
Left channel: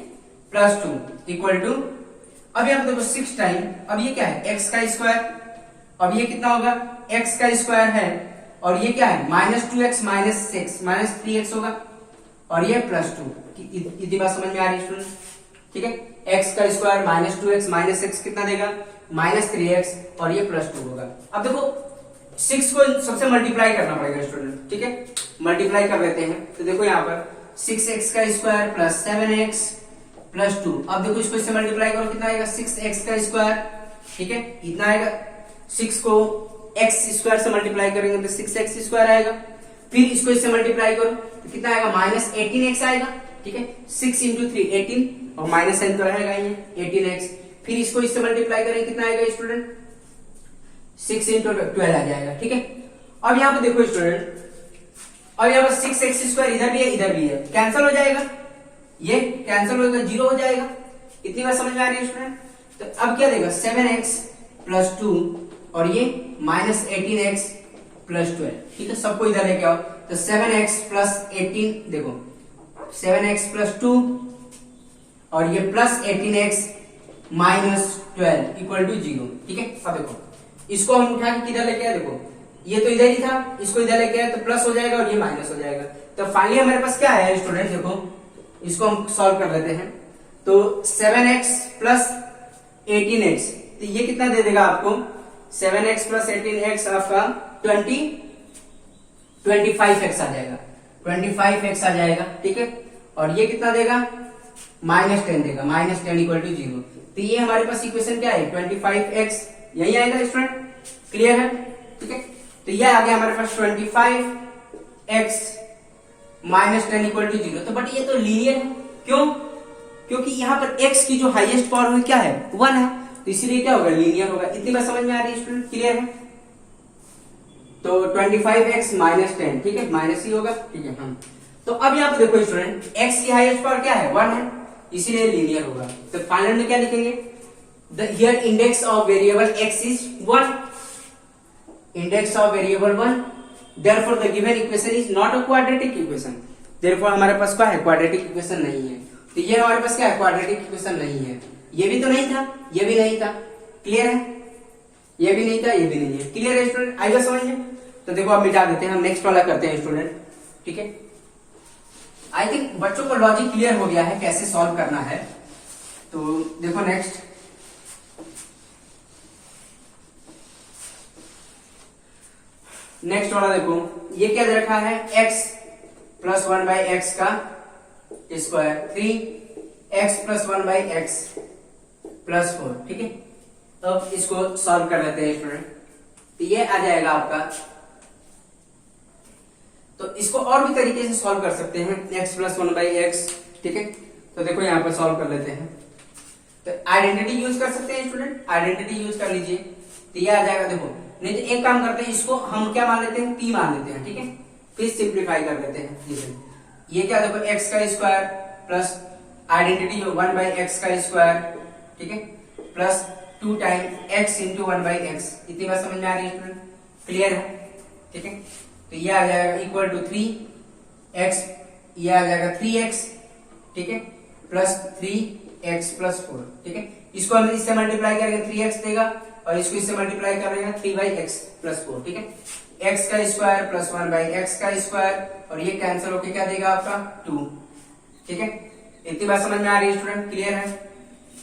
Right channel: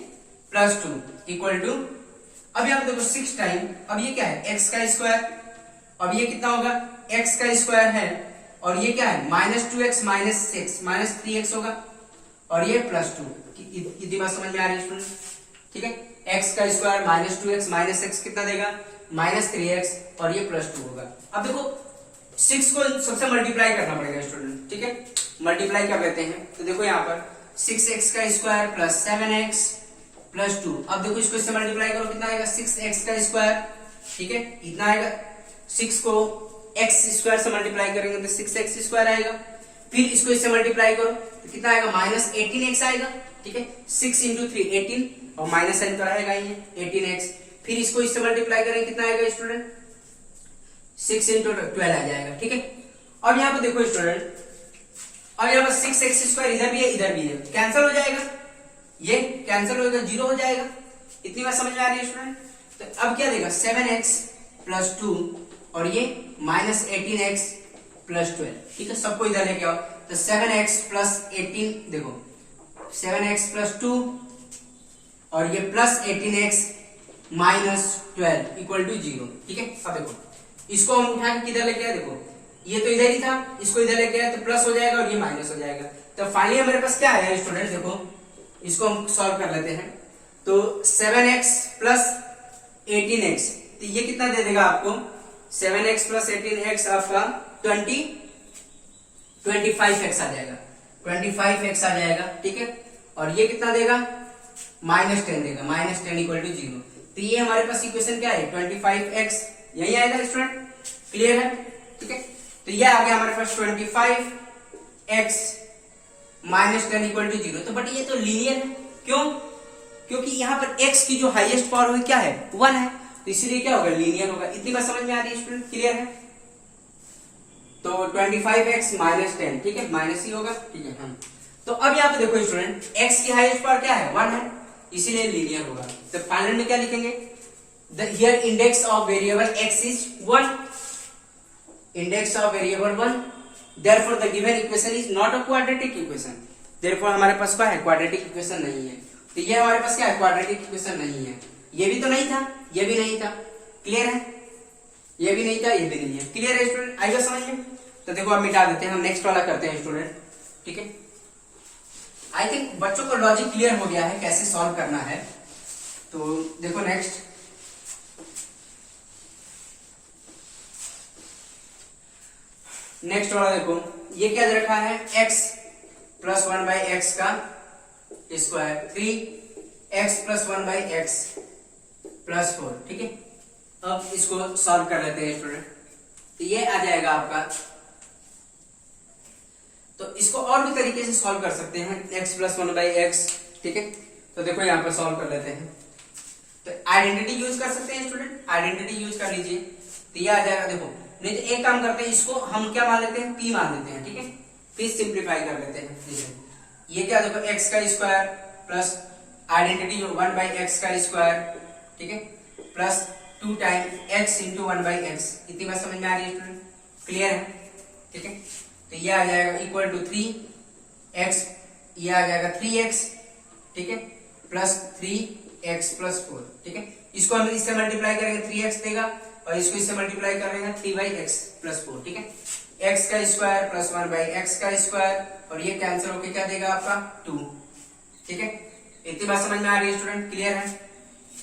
प्लस 2 इक्वल टू, अब यहाँ देखो 6 टाइम, अब ये क्या है, x का स्क्वायर, अब ये कितना होगा, x का स्क्वायर है, और ये क्या है, -2x माइनस 3x होगा, और ये प्लस 2। इतनी बात समझ में आ रही है स्टूडेंट, ठीक है। x का स्क्वायर -2x माइनस x कितना देगा, -3x, और ये प्लस 2 होगा। अब देखो 6 को सबसे मल्टीप्लाई करना पड़ेगा स्टूडेंट, ठीक है, मल्टीप्लाई कर लेते हैं। तो देखो यहाँ पर 6x का स्क्वायर प्लस 7x प्लस 2। अब देखो इसको इससे मल्टीप्लाई करो, कितना आएगा, 6x का स्क्वायर, ठीक है, इतना आएगा। 6 को x स्क्वायर से मल्टीप्लाई करेंगे तो 6x स्क्वायर आएगा, फिर इसको इससे मल्टीप्लाई करो तो कितना आएगा, -18x आएगा, ठीक है। 6 इंटू 3 18, और माइनस साइन तो रहेगा ही, 18x, फिर इसको इससे मल्टीप्लाई करेंगे कितना आएगा स्टूडेंट, 6 इंटू 12 आ जाएगा, ठीक है। अब यहाँ पे देखो स्टूडेंट, अब यहाँ पर 6x स्क्वायर इधर भी है इधर भी है, कैंसिल हो जाएगा, ये कैंसिल होगा, 0 हो जाएगा। इतनी बात समझ में आ रही है स्टूडेंट। तो अब क्या देगा, 7x प्लस 2, और ये -18x प्लस 12, ठीक है। सबको इधर लेके आओ, तो 7x प्लस 18, देखो 7x प्लस 2, और ये plus 18x minus 12 equal to 0, ठीक है। अब देखो इसको हम उठा के किधर लेके आए, देखो ये तो इधर ही था, इसको इधर लेके आए तो प्लस हो जाएगा, और ये माइनस हो जाएगा। तो फाइनली हमारे पास क्या है स्टूडेंट, देखो इसको हम सॉल्व कर लेते हैं। तो 7x प्लस 18x, तो ये कितना दे देगा आपको, 7x प्लस 18x आपका 25x आ जाएगा, 25x आ जाएगा, ठीक है। और ये कितना देगा, -10 देगा, -10 इक्वल टू 0। तो ये हमारे पास इक्वेशन क्या है, 25x, यही आएगा स्टूडेंट, क्लियर है, ठीक है। तो ये आ गया हमारे पास 25x -10 इक्वल टू 0। तो बट ये तो लीनियर है, क्यों, क्योंकि यहाँ पर x की जो हाईएस्ट पावर है क्या है, 1 है, तो इसीलिए क्या होगा, लीनियर होगा। इतनी बात समझ में आ रही है स्टूडेंट, क्लियर है। तो 25x -10, ठीक है, माइनस ही होगा, ठीक है। हम तो अब यहाँ पे देखो स्टूडेंट, x की हाईएस्ट पावर क्या है, 1 है, इसीलिए लीनियर होगा। तो फाइनल में क्या लिखेंगे, the here index of variable x is 1, index of variable 1, therefore the given equation is not a quadratic equation, therefore हमारे पास क्या है, क्वाड्रेटिक इक्वेशन नहीं है। तो ये हमारे पास क्या है, क्वाड्रेटिक इक्वेशन नहीं है। ये भी तो नहीं था, ये भी नहीं था, क्लियर है, ये भी नहीं था, ये भी नहीं है, क्लियर है स्टूडेंट, आएगा समझ में। तो देखो अब मिटा देते हैं, हम नेक्स्ट वाला करते हैं स्टूडेंट, ठीक है। आई थिंक बच्चों को लॉजिक क्लियर हो गया है कैसे सॉल्व करना है। तो देखो नेक्स्ट वाला देखो, ये क्या दे रखा है, x प्लस 1/x का square, 3x plus 1/x plus 4, ठीक है। अब इसको सॉल्व कर लेते हैं स्टूडेंट, तो ये आ जाएगा आपका। तो इसको और भी तरीके से सॉल्व कर सकते हैं, x प्लस 1/x, ठीक है। तो देखो यहाँ पर सॉल्व कर लेते हैं, तो आइडेंटिटी यूज कर सकते हैं स्टूडेंट, आइडेंटिटी यूज कर लीजिए, तो ये आ जाएगा। देखो नहीं तो एक काम करते हैं, इसको हम क्या मान लेते हैं, p मान लेते हैं, ठीक है। फिर सिंप्लीफाई कर लेते हैं। ये क्या, देखो x का स्क्वायर प्लस आइडेंटिटी 1/x का स्क्वायर, ठीक है, plus 2 time x into 1/x। इतनी बात समझ में आ रही है स्टूडेंट, क्लियर है, ठीक है। तो ये आ जाएगा इक्वल टू 3x, ये आ जाएगा 3x, ठीक है, प्लस 3x प्लस 4, ठीक है। इसको हम इससे मल्टीप्लाई करेंगे 3x देगा, और इसको इससे मल्टीप्लाई करेंगे 3/x प्लस 4, ठीक है। x का स्क्वायर प्लस 1/x का स्क्वायर, और ये कैंसिल होके क्या देगा आपका 2, ठीक है। इतनी बात समझ में आ रही है स्टूडेंट, क्लियर है।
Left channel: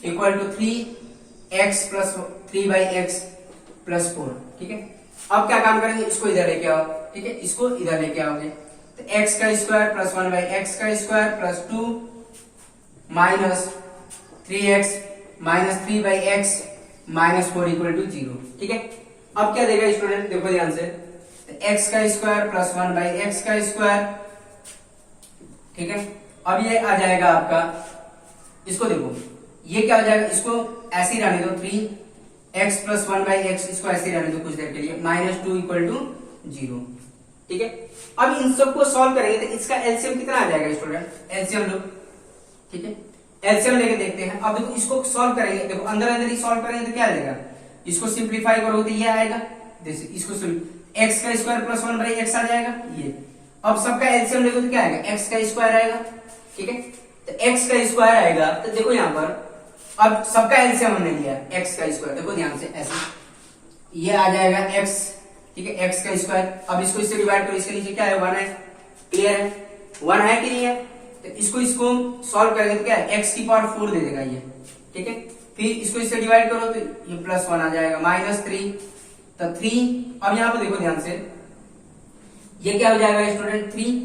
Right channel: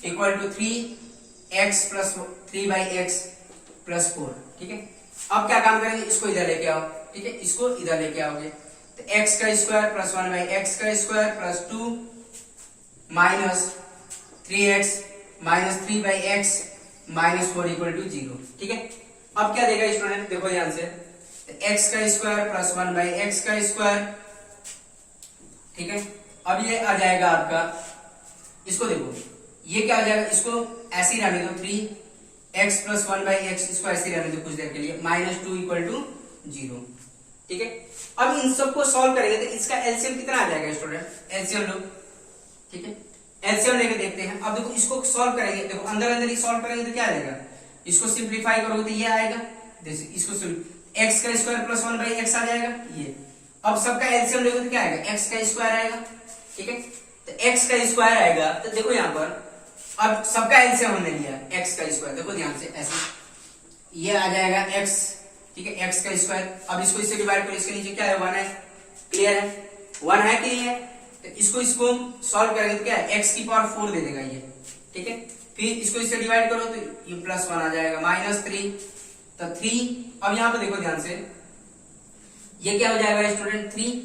Equal to 3x plus 3/x plus 4, ठीक है। अब क्या काम करेंगे, इसको इधर लेके आओ, ठीक है, इसको इधर लेके आओगे, तो x का स्क्वायर प्लस 1/x का square plus 2 minus 3x minus 3/x minus 4 equal to 0, ठीक है। अब क्या देगा स्टूडेंट, देखो ध्यान से, तो x का स्क्वायर प्लस 1/x का स्क्वायर, ठीक है। अब ये आ जाएगा आपका, इसको देखो ये क्या हो जाएगा, इसको ऐसे ही रहने दो, 3x प्लस 1/x, इसको ऐसे ही रहने दो कुछ देर के लिए, माइनस 2 इक्वल टू 0, ठीक है। अब इन सबको सॉल्व करेंगे तो इसका एलसीएम कितना आ जाएगा स्टूडेंट, एलसीएम लो, ठीक है, एलसीएम लेके देखते हैं। अब देखो इसको सॉल्व करेंगे, देखो अंदर अंदर ही सॉल्व करेंगे तो क्या आएगा, इसको सिंप्लीफाई करोगे तो ये आएगा, जैसे इसको x का स्क्वायर प्लस 1/x आ जाएगा ये। अब सबका एलसीएम लेंगे तो क्या आएगा, x का स्क्वायर आएगा, ठीक है। तो x का स्क्वायर आएगा, तो देखो यहाँ पर अब सबका एलसीएम हमने लिया x का स्क्वायर, देखो ध्यान से ऐसे, ये आ जाएगा x, ठीक है, x का स्क्वायर। अब इसको इससे डिवाइड करो, इसके नीचे क्या है, 1 है, क्लियर है, 1 है कि नहीं है। तो इसको सॉल्व करेंगे तो क्या है, x की पावर 4 दे देगा ये, ठीक है। फिर इसको इससे डिवाइड करो तो ये प्लस 1 आ जाएगा, माइनस 3, तो 3। अब यहाँ पे देखो ध्यान से, ये क्या हो जाएगा स्टूडेंट 3।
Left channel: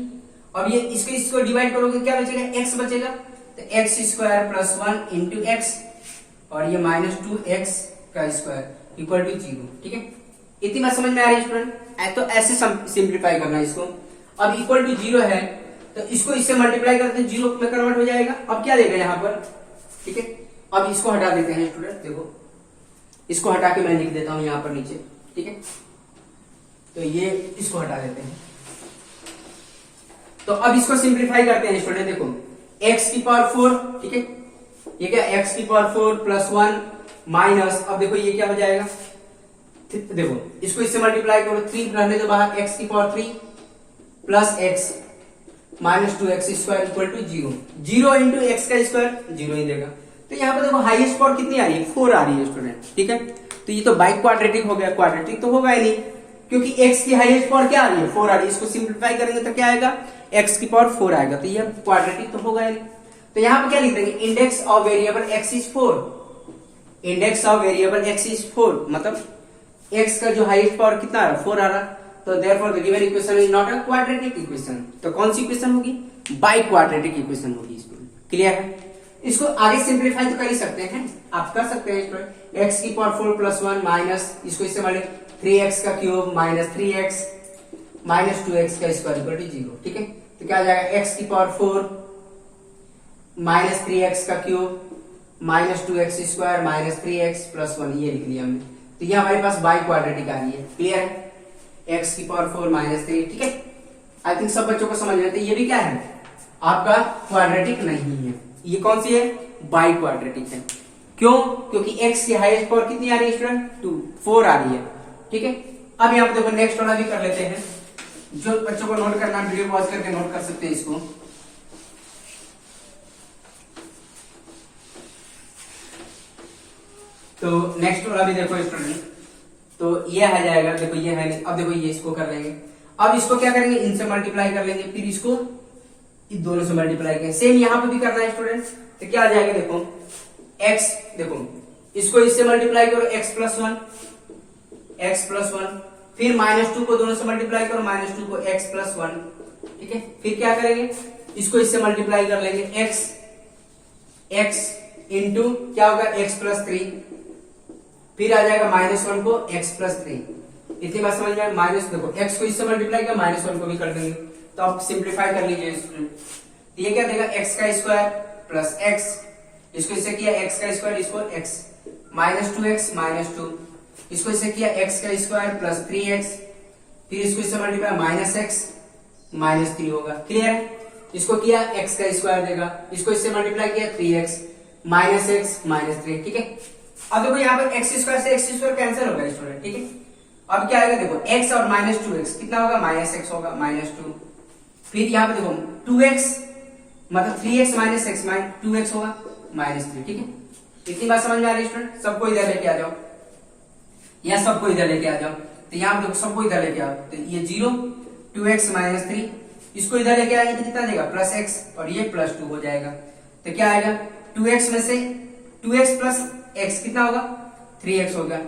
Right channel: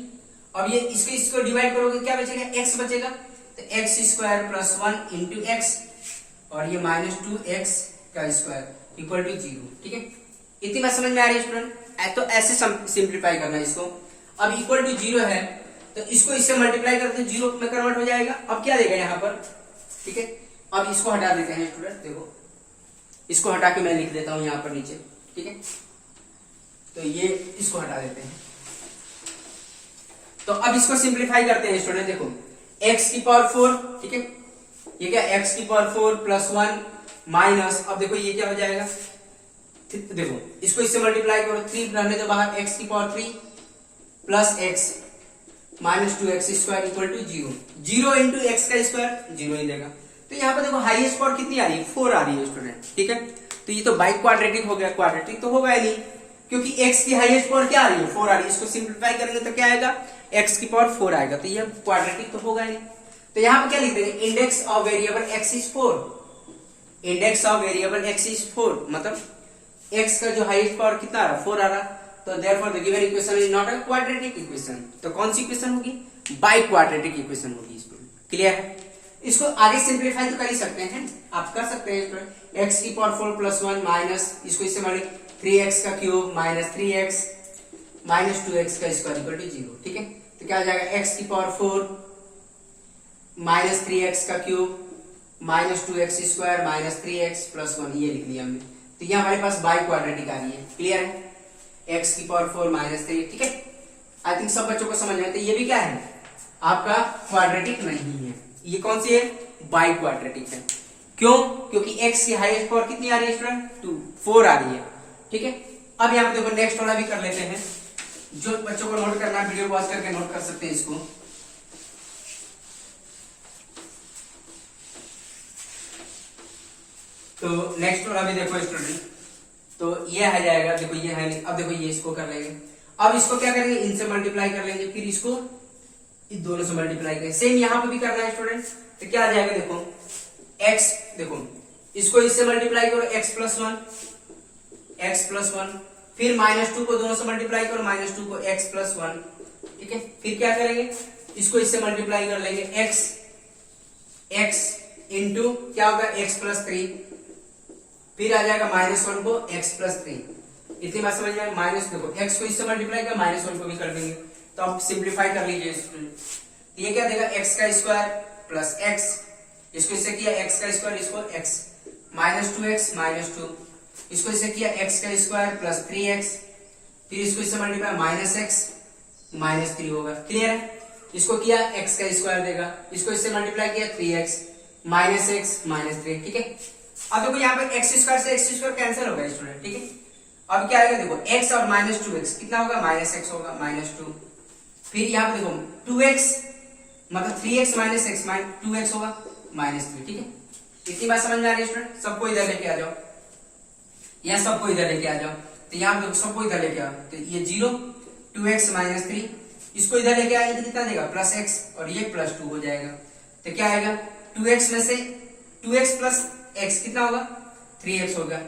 अब ये इसको डिवाइड करोगे क्या बचेगा, x बचेगा, तो x square plus 1 into x, और ये माइनस 2x का स्क्वायर इक्वल टू 0, ठीक है। इतनी बात समझ में आ रही है स्टूडेंट, तो ऐसे सिंप्लीफाई करना है इसको। अब इक्वल टू 0 है, तो इसको इससे मल्टीप्लाई करते हैं, 0 में कन्वर्ट हो जाएगा। अब क्या देगा यहाँ पर, ठीक है। अब इसको हटा देते हैं स्टूडेंट, देखो इसको हटा के मैं लिख देता हूं यहाँ पर नीचे, ठीक है। तो ये इसको हटा देते हैं, तो अब इसको सिंप्लीफाई करते हैं स्टूडेंट, देखो x की पावर 4, ठीक है, ये क्या x की पावर 4 प्लस 1 माइनस, अब देखो ये क्या हो जाएगा, देखो इसको इससे मल्टीप्लाई करो, 3 रहने दो बाहर, x की power 3 plus x minus 2x square equal to 0, 0 into x का स्क्वायर 0 ही देगा। तो यहाँ पर देखो हाईएस्ट पावर कितनी आ रही है, 4 आ रही है स्टूडेंट, ठीक है। तो ये तो बाई क्वाड्रेटिक हो गया, क्वाड्रेटिक तो होगा ही नहीं, क्योंकि x की हाईएस्ट पावर क्या आ रही है, 4 आ रही है। इसको सिंप्लीफाई करेंगे तो क्या आएगा, x की पावर 4 आएगा, तो ये क्वाड्रेटिक तो होगा ही नहीं। तो यहाँ पर क्या लिख देंगे, index of variable x is 4, index of variable x is 4, मतलब x का जो हाईएस्ट पावर कितना आ रहा, 4 आ रहा। तो therefore the given equation is not a quadratic equation. तो कौन सी इक्वेशन होगी, बाई क्वाड्रेटिक इक्वेशन होगी स्टूडेंट, क्लियर है। इसको आगे सिंप्लीफाई तो कर ही सकते हैं, आप कर सकते हैं स्टूडेंट, x की पावर 4 प्लस 1 माइनस, इसको इससे मल्टीप्लाई 3x का cube minus 3x minus 2x का स्क्वायर इक्वल टू 0, ठीक है। तो क्या आ जाएगा, x की पावर 4 माइनस 3x का cube minus 2x square minus 3x plus 1, ये लिख दिया हमने। तो ये हमारे पास बाई क्वाड्रेटिक आ रही है, क्लियर है, x की पावर 4 माइनस 3, ठीक है। आई थिंक सब बच्चों को समझ में आता है। ये भी क्या है, आपका क्वाड्रेटिक नहीं है, ये कौन सी है, बाई क्वाड्रेटिक है। क्यों, क्योंकि x की हाईएस्ट पावर कितनी आ रही है स्टूडेंट, 4 आ रही है, ठीक है। अब यहाँ पे देखो नेक्स्ट वाला भी कर लेते हैं, जो बच्चों को नोट करना है वीडियो पॉज करके नोट कर सकते हैं इसको। तो नेक्स्ट वाला भी देखो स्टूडेंट, तो ये आ जाएगा, देखो ये है, अब देखो ये इसको कर लेंगे। अब इसको क्या करेंगे, इनसे मल्टीप्लाई कर लेंगे, फिर इसको इन दोनों से मल्टीप्लाई करेंगे। सेम यहाँ पे भी करना है स्टूडेंट, तो क्या आ जाएगा, देखो x, देखो इसको इससे मल्टीप्लाई करो, x प्लस 1 फिर -2 को दोनों से मल्टीप्लाई करो, -2 को x प्लस 1, ठीक है। फिर क्या करेंगे, इसको इससे मल्टीप्लाई कर लेंगे, x इंटू क्या होगा x प्लस 3, फिर आ जाएगा -1 को x प्लस 3। इतनी बात समझ में आए। माइनस देखो x को इससे मल्टीप्लाई कर, -1 को भी कर देंगे, तो आप सिंप्लीफाई कर लीजिए। ये क्या देगा, x का स्क्वायर प्लस x, इसको इससे किया x का स्क्वायर, इसको x, -2x -2, इसको इससे किया x का स्क्वायर प्लस 3x, फिर इसको इससे मल्टीप्लाई -x -3 होगा। क्लियर है। इसको किया x का स्क्वायर देगा, इसको इससे मल्टीप्लाई किया 3x -x -3, ठीक है। अब देखो यहाँ पर x स्क्वायर से x स्क्वायर कैंसिल होगा स्टूडेंट, ठीक है। अब क्या आएगा देखो, x और -2x कितना होगा, -x होगा, -2, फिर यहाँ पे देखो 2x मतलब 3x -x 2x होगा -3, ठीक है। इतनी बात समझ में आ रही है स्टूडेंट। सबको इधर लेके आ जाओ, या सबको इधर लेके आ जाओ, तो यहाँ देखो सबको इधर लेके आओ, तो ये 0 2x -3, इसको इधर लेके आएंगे तो कितना देगा, प्लस x, और ये +2 हो जाएगा। तो क्या आएगा, 2x में से 2x प्लस x कितना होगा, 3x होगा,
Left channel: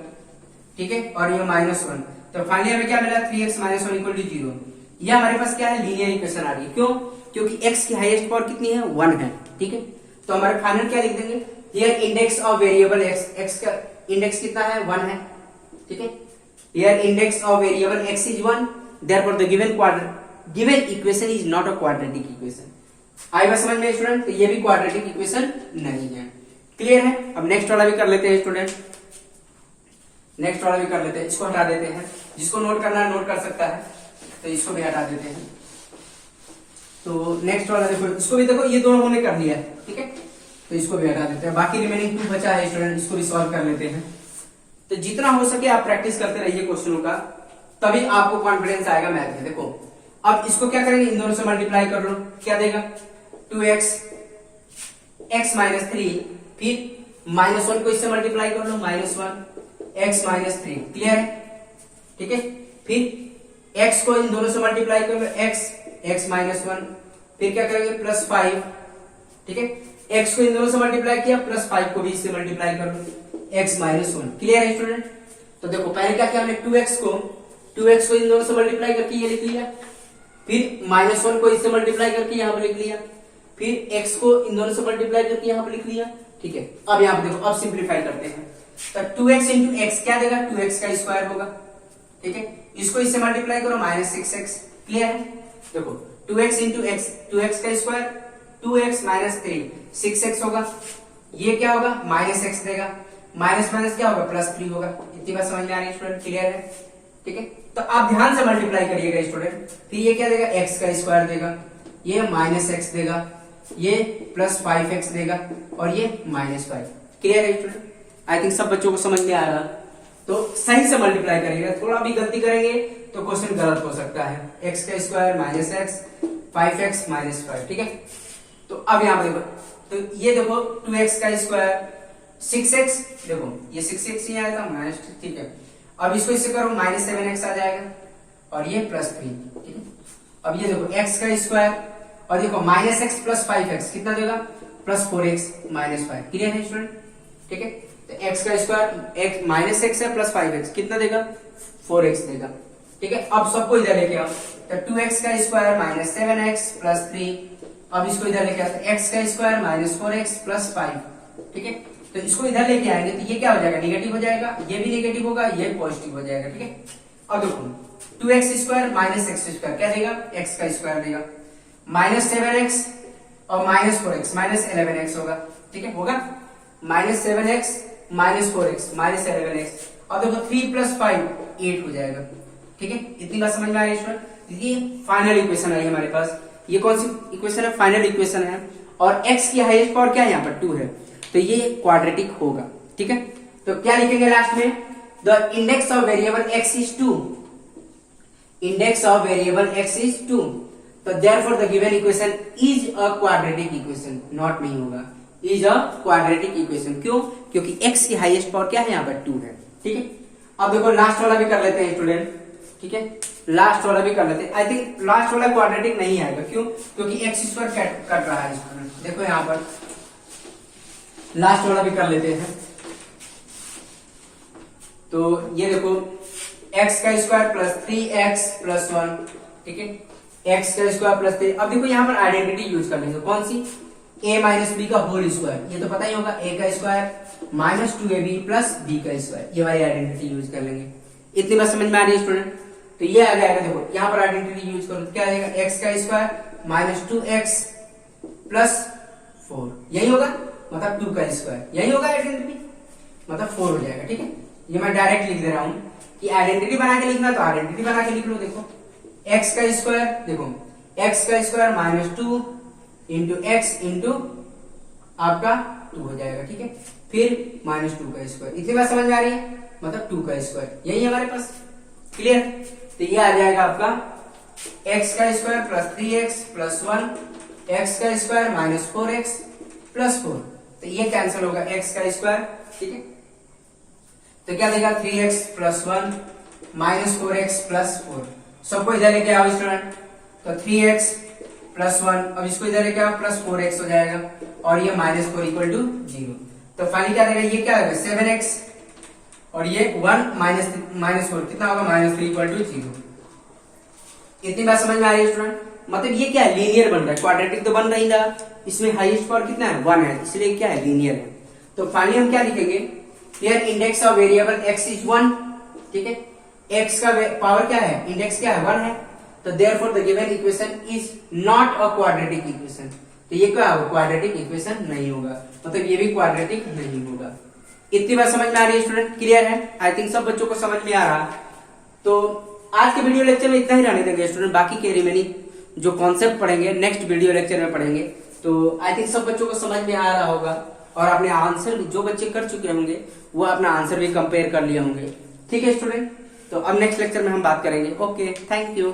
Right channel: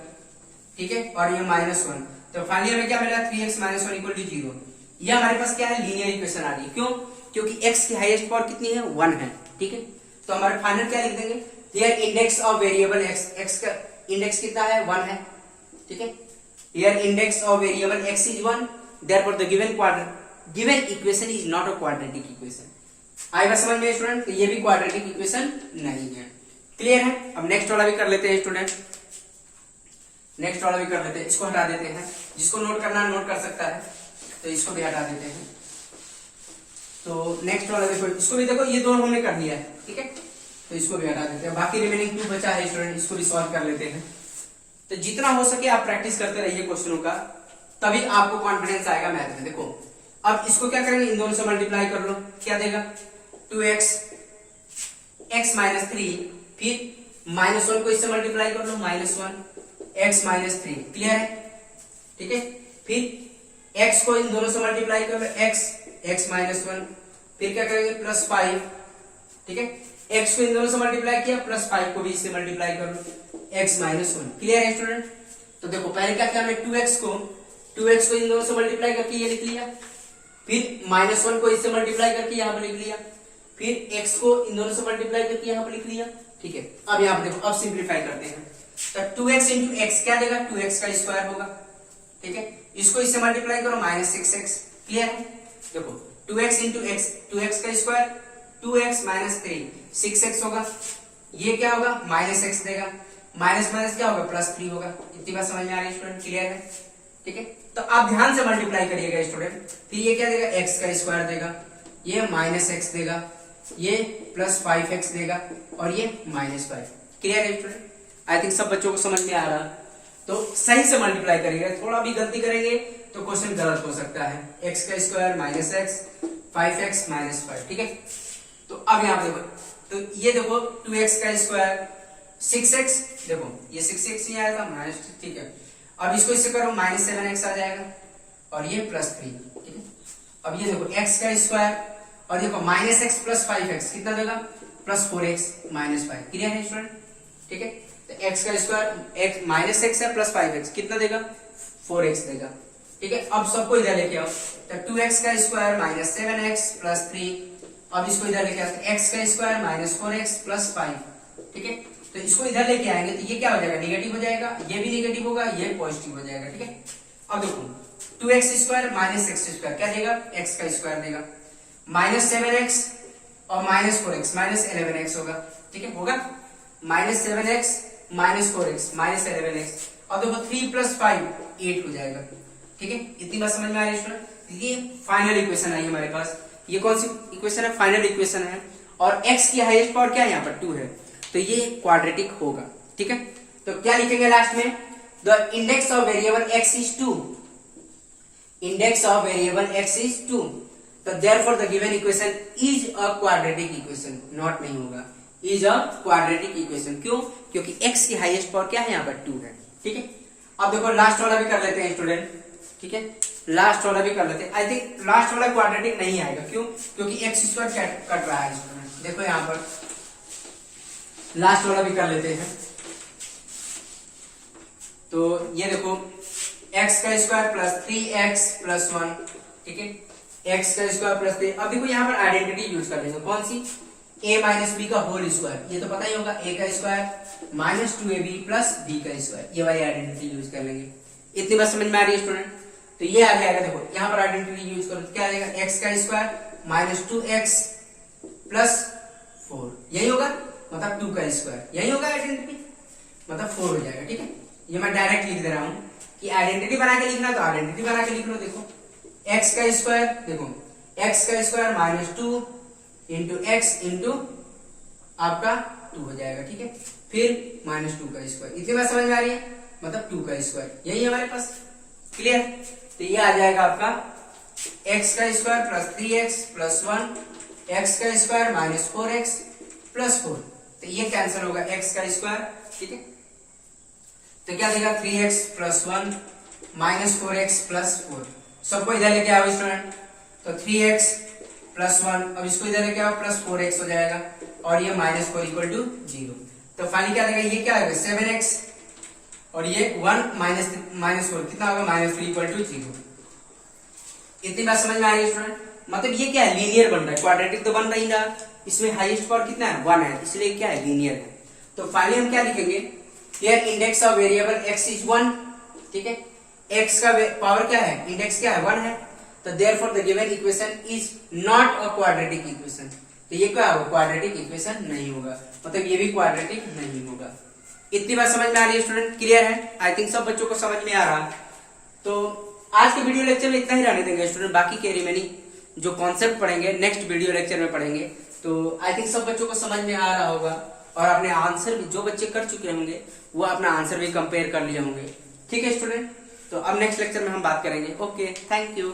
ठीक है। और ये -1, तो फाइनली हमें क्या मिला, 3x -1 = 0। ये हमारे पास क्या है, लीनियर इक्वेशन आ रही है। क्यों, क्योंकि x की हाईएस्ट पावर कितनी है, 1 है, ठीक है। तो हमारे फाइनल क्या लिख देंगे, here index of variable x का इंडेक्स कितना है, 1 है, ठीक है। Here index of variable x is 1, therefore the given equation is not a quadratic equation. आएगा समझ में स्टूडेंट, तो ये भी क्वाड्रेटिक इक्वेशन नहीं है। क्लियर है। अब नेक्स्ट वाला भी कर लेते हैं स्टूडेंट, नेक्स्ट वाला भी कर लेते हैं, इसको हटा देते हैं, जिसको नोट करना है नोट कर सकता है, तो इसको भी हटा देते हैं। तो नेक्स्ट वाला देखो, इसको भी देखो, ये दोनों हमने कर लिया है, ठीक है, तो इसको भी हटा देते हैं। बाकी रिमेनिंग 2 बचा है स्टूडेंट, इसको भी सॉल्व कर लेते हैं। तो जितना हो सके आप प्रैक्टिस करते रहिए क्वेश्चनों का, तभी आपको कॉन्फिडेंस आएगा मैथ में। देखो अब इसको क्या करेंगे, इन दोनों से मल्टीप्लाई कर लो, क्या देगा, 2x x -3, फिर -1 को इससे मल्टीप्लाई कर लो, -1 x -3। क्लियर है, ठीक है। फिर x को इन दोनों से मल्टीप्लाई कर लो, x -1, फिर क्या करेंगे, +5, ठीक है। x को इन दोनों से मल्टीप्लाई किया, +5 को भी इससे मल्टीप्लाई कर लो, x -1। क्लियर है स्टूडेंट। तो देखो पहले क्या किया हमने, 2x को इन दोनों से मल्टीप्लाई करके ये लिख लिया, फिर -1 को इससे मल्टीप्लाई करके यहाँ पर लिख लिया, फिर x को इन दोनों से मल्टीप्लाई करके यहाँ पर लिख लिया, ठीक है। अब यहाँ पर देखो, अब सिंप्लीफाई करते हैं, तो 2x इंटू x क्या देगा, 2x का स्क्वायर होगा, ठीक है। इसको इससे मल्टीप्लाई करो, -6x। क्लियर है। देखो 2x इंटू x, 2x का स्क्वायर 2x -3 6x होगा, ये क्या होगा, -x देगा, माइनस माइनस क्या होगा, +3 होगा। इतनी बात समझ में आ रही है स्टूडेंट, क्लियर है, ठीक है। तो आप ध्यान से मल्टीप्लाई करिएगा स्टूडेंट, फिर ये क्या देगा, x का स्क्वायर देगा, ये -x देगा, ये +5x देगा, और ये -5। क्लियर है स्टूडेंट। आई थिंक सब बच्चों को समझ में आ रहा, तो सही से मल्टीप्लाई करिएगा, थोड़ा भी गलती करेंगे तो क्वेश्चन गलत हो सकता है। x का स्क्वायर -x 5x -5, ठीक है। तो अब यहाँ पे देखो, तो ये देखो 2x का स्क्वायर 6x, देखो ये 6x ही आया था माइनस, ठीक है। अब इसको इससे करो, -7x आ जाएगा, और ये +3, ठीक है। अब ये देखो x का स्क्वायर, और देखो -x +5x कितना देगा, +4x -5। क्लियर है स्टूडेंट, ठीक है। तो x का स्क्वायर -x है +5x कितना देगा, 4x देगा, ठीक है। अब सबको इधर लेके आओ, तो 2x का स्क्वायर -7x +3, अब इसको इधर लेके आओ, तो x का स्क्वायर -4x +5, ठीक है। तो इसको इधर लेके आएंगे तो ये क्या हो जाएगा, निगेटिव हो जाएगा, ये भी निगेटिव होगा, ये पॉजिटिव हो जाएगा, ठीक है। अब देखो 2x स्क्वायर -x स्क्वायर क्या देगा, x का स्क्वायर देगा, -7x और -4x -11x होगा, ठीक है, होगा -7x -4x -11x। अब देखो 3 + 5 8 हो जाएगा, ठीक है। इतनी बात समझ में आ रही है। ये फाइनल इक्वेशन आई हमारे पास, ये कौन सी इक्वेशन है, फाइनल इक्वेशन है, और x की हाईएस्ट पावर क्या है, यहाँ पर 2 है, तो ये क्वाड्रेटिक होगा, ठीक है। तो क्या लिखेंगे लास्ट में, the index of variable x is 2, index of variable x is 2, तो therefore the given equation is a quadratic equation, not नहीं होगा, इज अ क्वाड्रेटिक इक्वेशन। क्यों, क्योंकि x की हाईएस्ट पावर क्या है, यहाँ पर 2 है, ठीक है। अब देखो लास्ट वाला भी कर लेते हैं स्टूडेंट, ठीक है, लास्ट वाला भी कर लेते हैं। आई थिंक लास्ट वाला क्वाड्रेटिक नहीं आएगा, क्यों, क्योंकि x स्क्वायर कट रहा है इसमें। देखो यहाँ पर लास्ट वाला भी कर लेते हैं, तो ये देखो एक्स का स्क्वायर प्लस 3x प्लस 1, ठीक है, एक्स का स्क्वायर प्लस 3। अब देखो यहाँ पर आइडेंटिटी यूज कर लेंगे, कौन सी, a माइनस बी का होल स्क्वायर, ये तो पता ही होगा, a का square minus 2ab plus b का स्क्वायर, ये वाली आइडेंटिटी यूज कर लेंगे। इतनी बात समझ में आ रही है स्टूडेंट? तो ये आ जाएगा, देखो यहाँ पर आइडेंटिटी यूज करो तो क्या आ जाएगा, एक्स का स्क्वायर माइनस 2x प्लस 4, यही होगा, मतलब 2 का स्क्वायर, यही होगा आइडेंटिटी, मतलब 4 हो जाएगा, ठीक है। ये मैं डायरेक्ट लिख दे रहा हूं कि आइडेंटिटी बना के लिखना तो आइडेंटिटी बना के लिख लो। देखो x का स्क्वायर, देखो x का square minus 2 into x into आपका 2 हो जाएगा, ठीक है, फिर माइनस 2 का स्क्वायर। इतनी बात समझ में आ रही है, मतलब 2 का स्क्वायर, यही हमारे पास, क्लियर। तो ये आ जाएगा आपका x का square plus 3x plus 1, x का स्क्वायर माइनस 4x प्लस 4, तो ये कैंसिल होगा x का स्क्वायर, ठीक है। तो क्या देगा 3x plus 1 minus 4x plus 4, सबको इधर लेके आओ स्टूडेंट, तो 3x प्लस 1, अब इसको इधर लेके आओ प्लस 4x हो जाएगा, और ये माइनस 4 इक्वल टू 0। तो फाइनली क्या देगा, ये क्या होगा 7x, और ये 1 माइनस 4 कितना होगा, माइनस 3 इक्वल टू 0। इतनी बात समझ में आ रही है स्टूडेंट? मतलब ये क्या है, लीनियर बन रहा है, क्वाड्रेटिक तो बन नहीं रहा, इसमें हाईएस्ट पावर कितना है, 1 है, इसलिए क्या है, लीनियर है। तो फाइनली हम क्या लिखेंगे, here index of variable x is 1, ठीक है, x का पावर क्या है, इंडेक्स क्या है, 1 है, तो therefore the given equation is not a quadratic equation. तो ये क्या होगा, क्वाड्रेटिक इक्वेशन नहीं होगा, मतलब ये भी क्वाड्रेटिक नहीं होगा। इतनी बात समझ में आ रही है स्टूडेंट, क्लियर है? आई थिंक सब बच्चों को समझ में आ रहा है। तो आज के वीडियो लेक्चर में इतना ही रहने देंगे स्टूडेंट, बाकी के रिमेनिंग जो कॉन्सेप्ट पढ़ेंगे नेक्स्ट वीडियो लेक्चर में पढ़ेंगे। तो आई थिंक सब बच्चों को समझ में आ रहा होगा, और अपने आंसर जो बच्चे कर चुके होंगे वो अपना आंसर भी कंपेयर कर लिए होंगे, ठीक है स्टूडेंट। तो अब नेक्स्ट लेक्चर में हम बात करेंगे। Okay, thank you.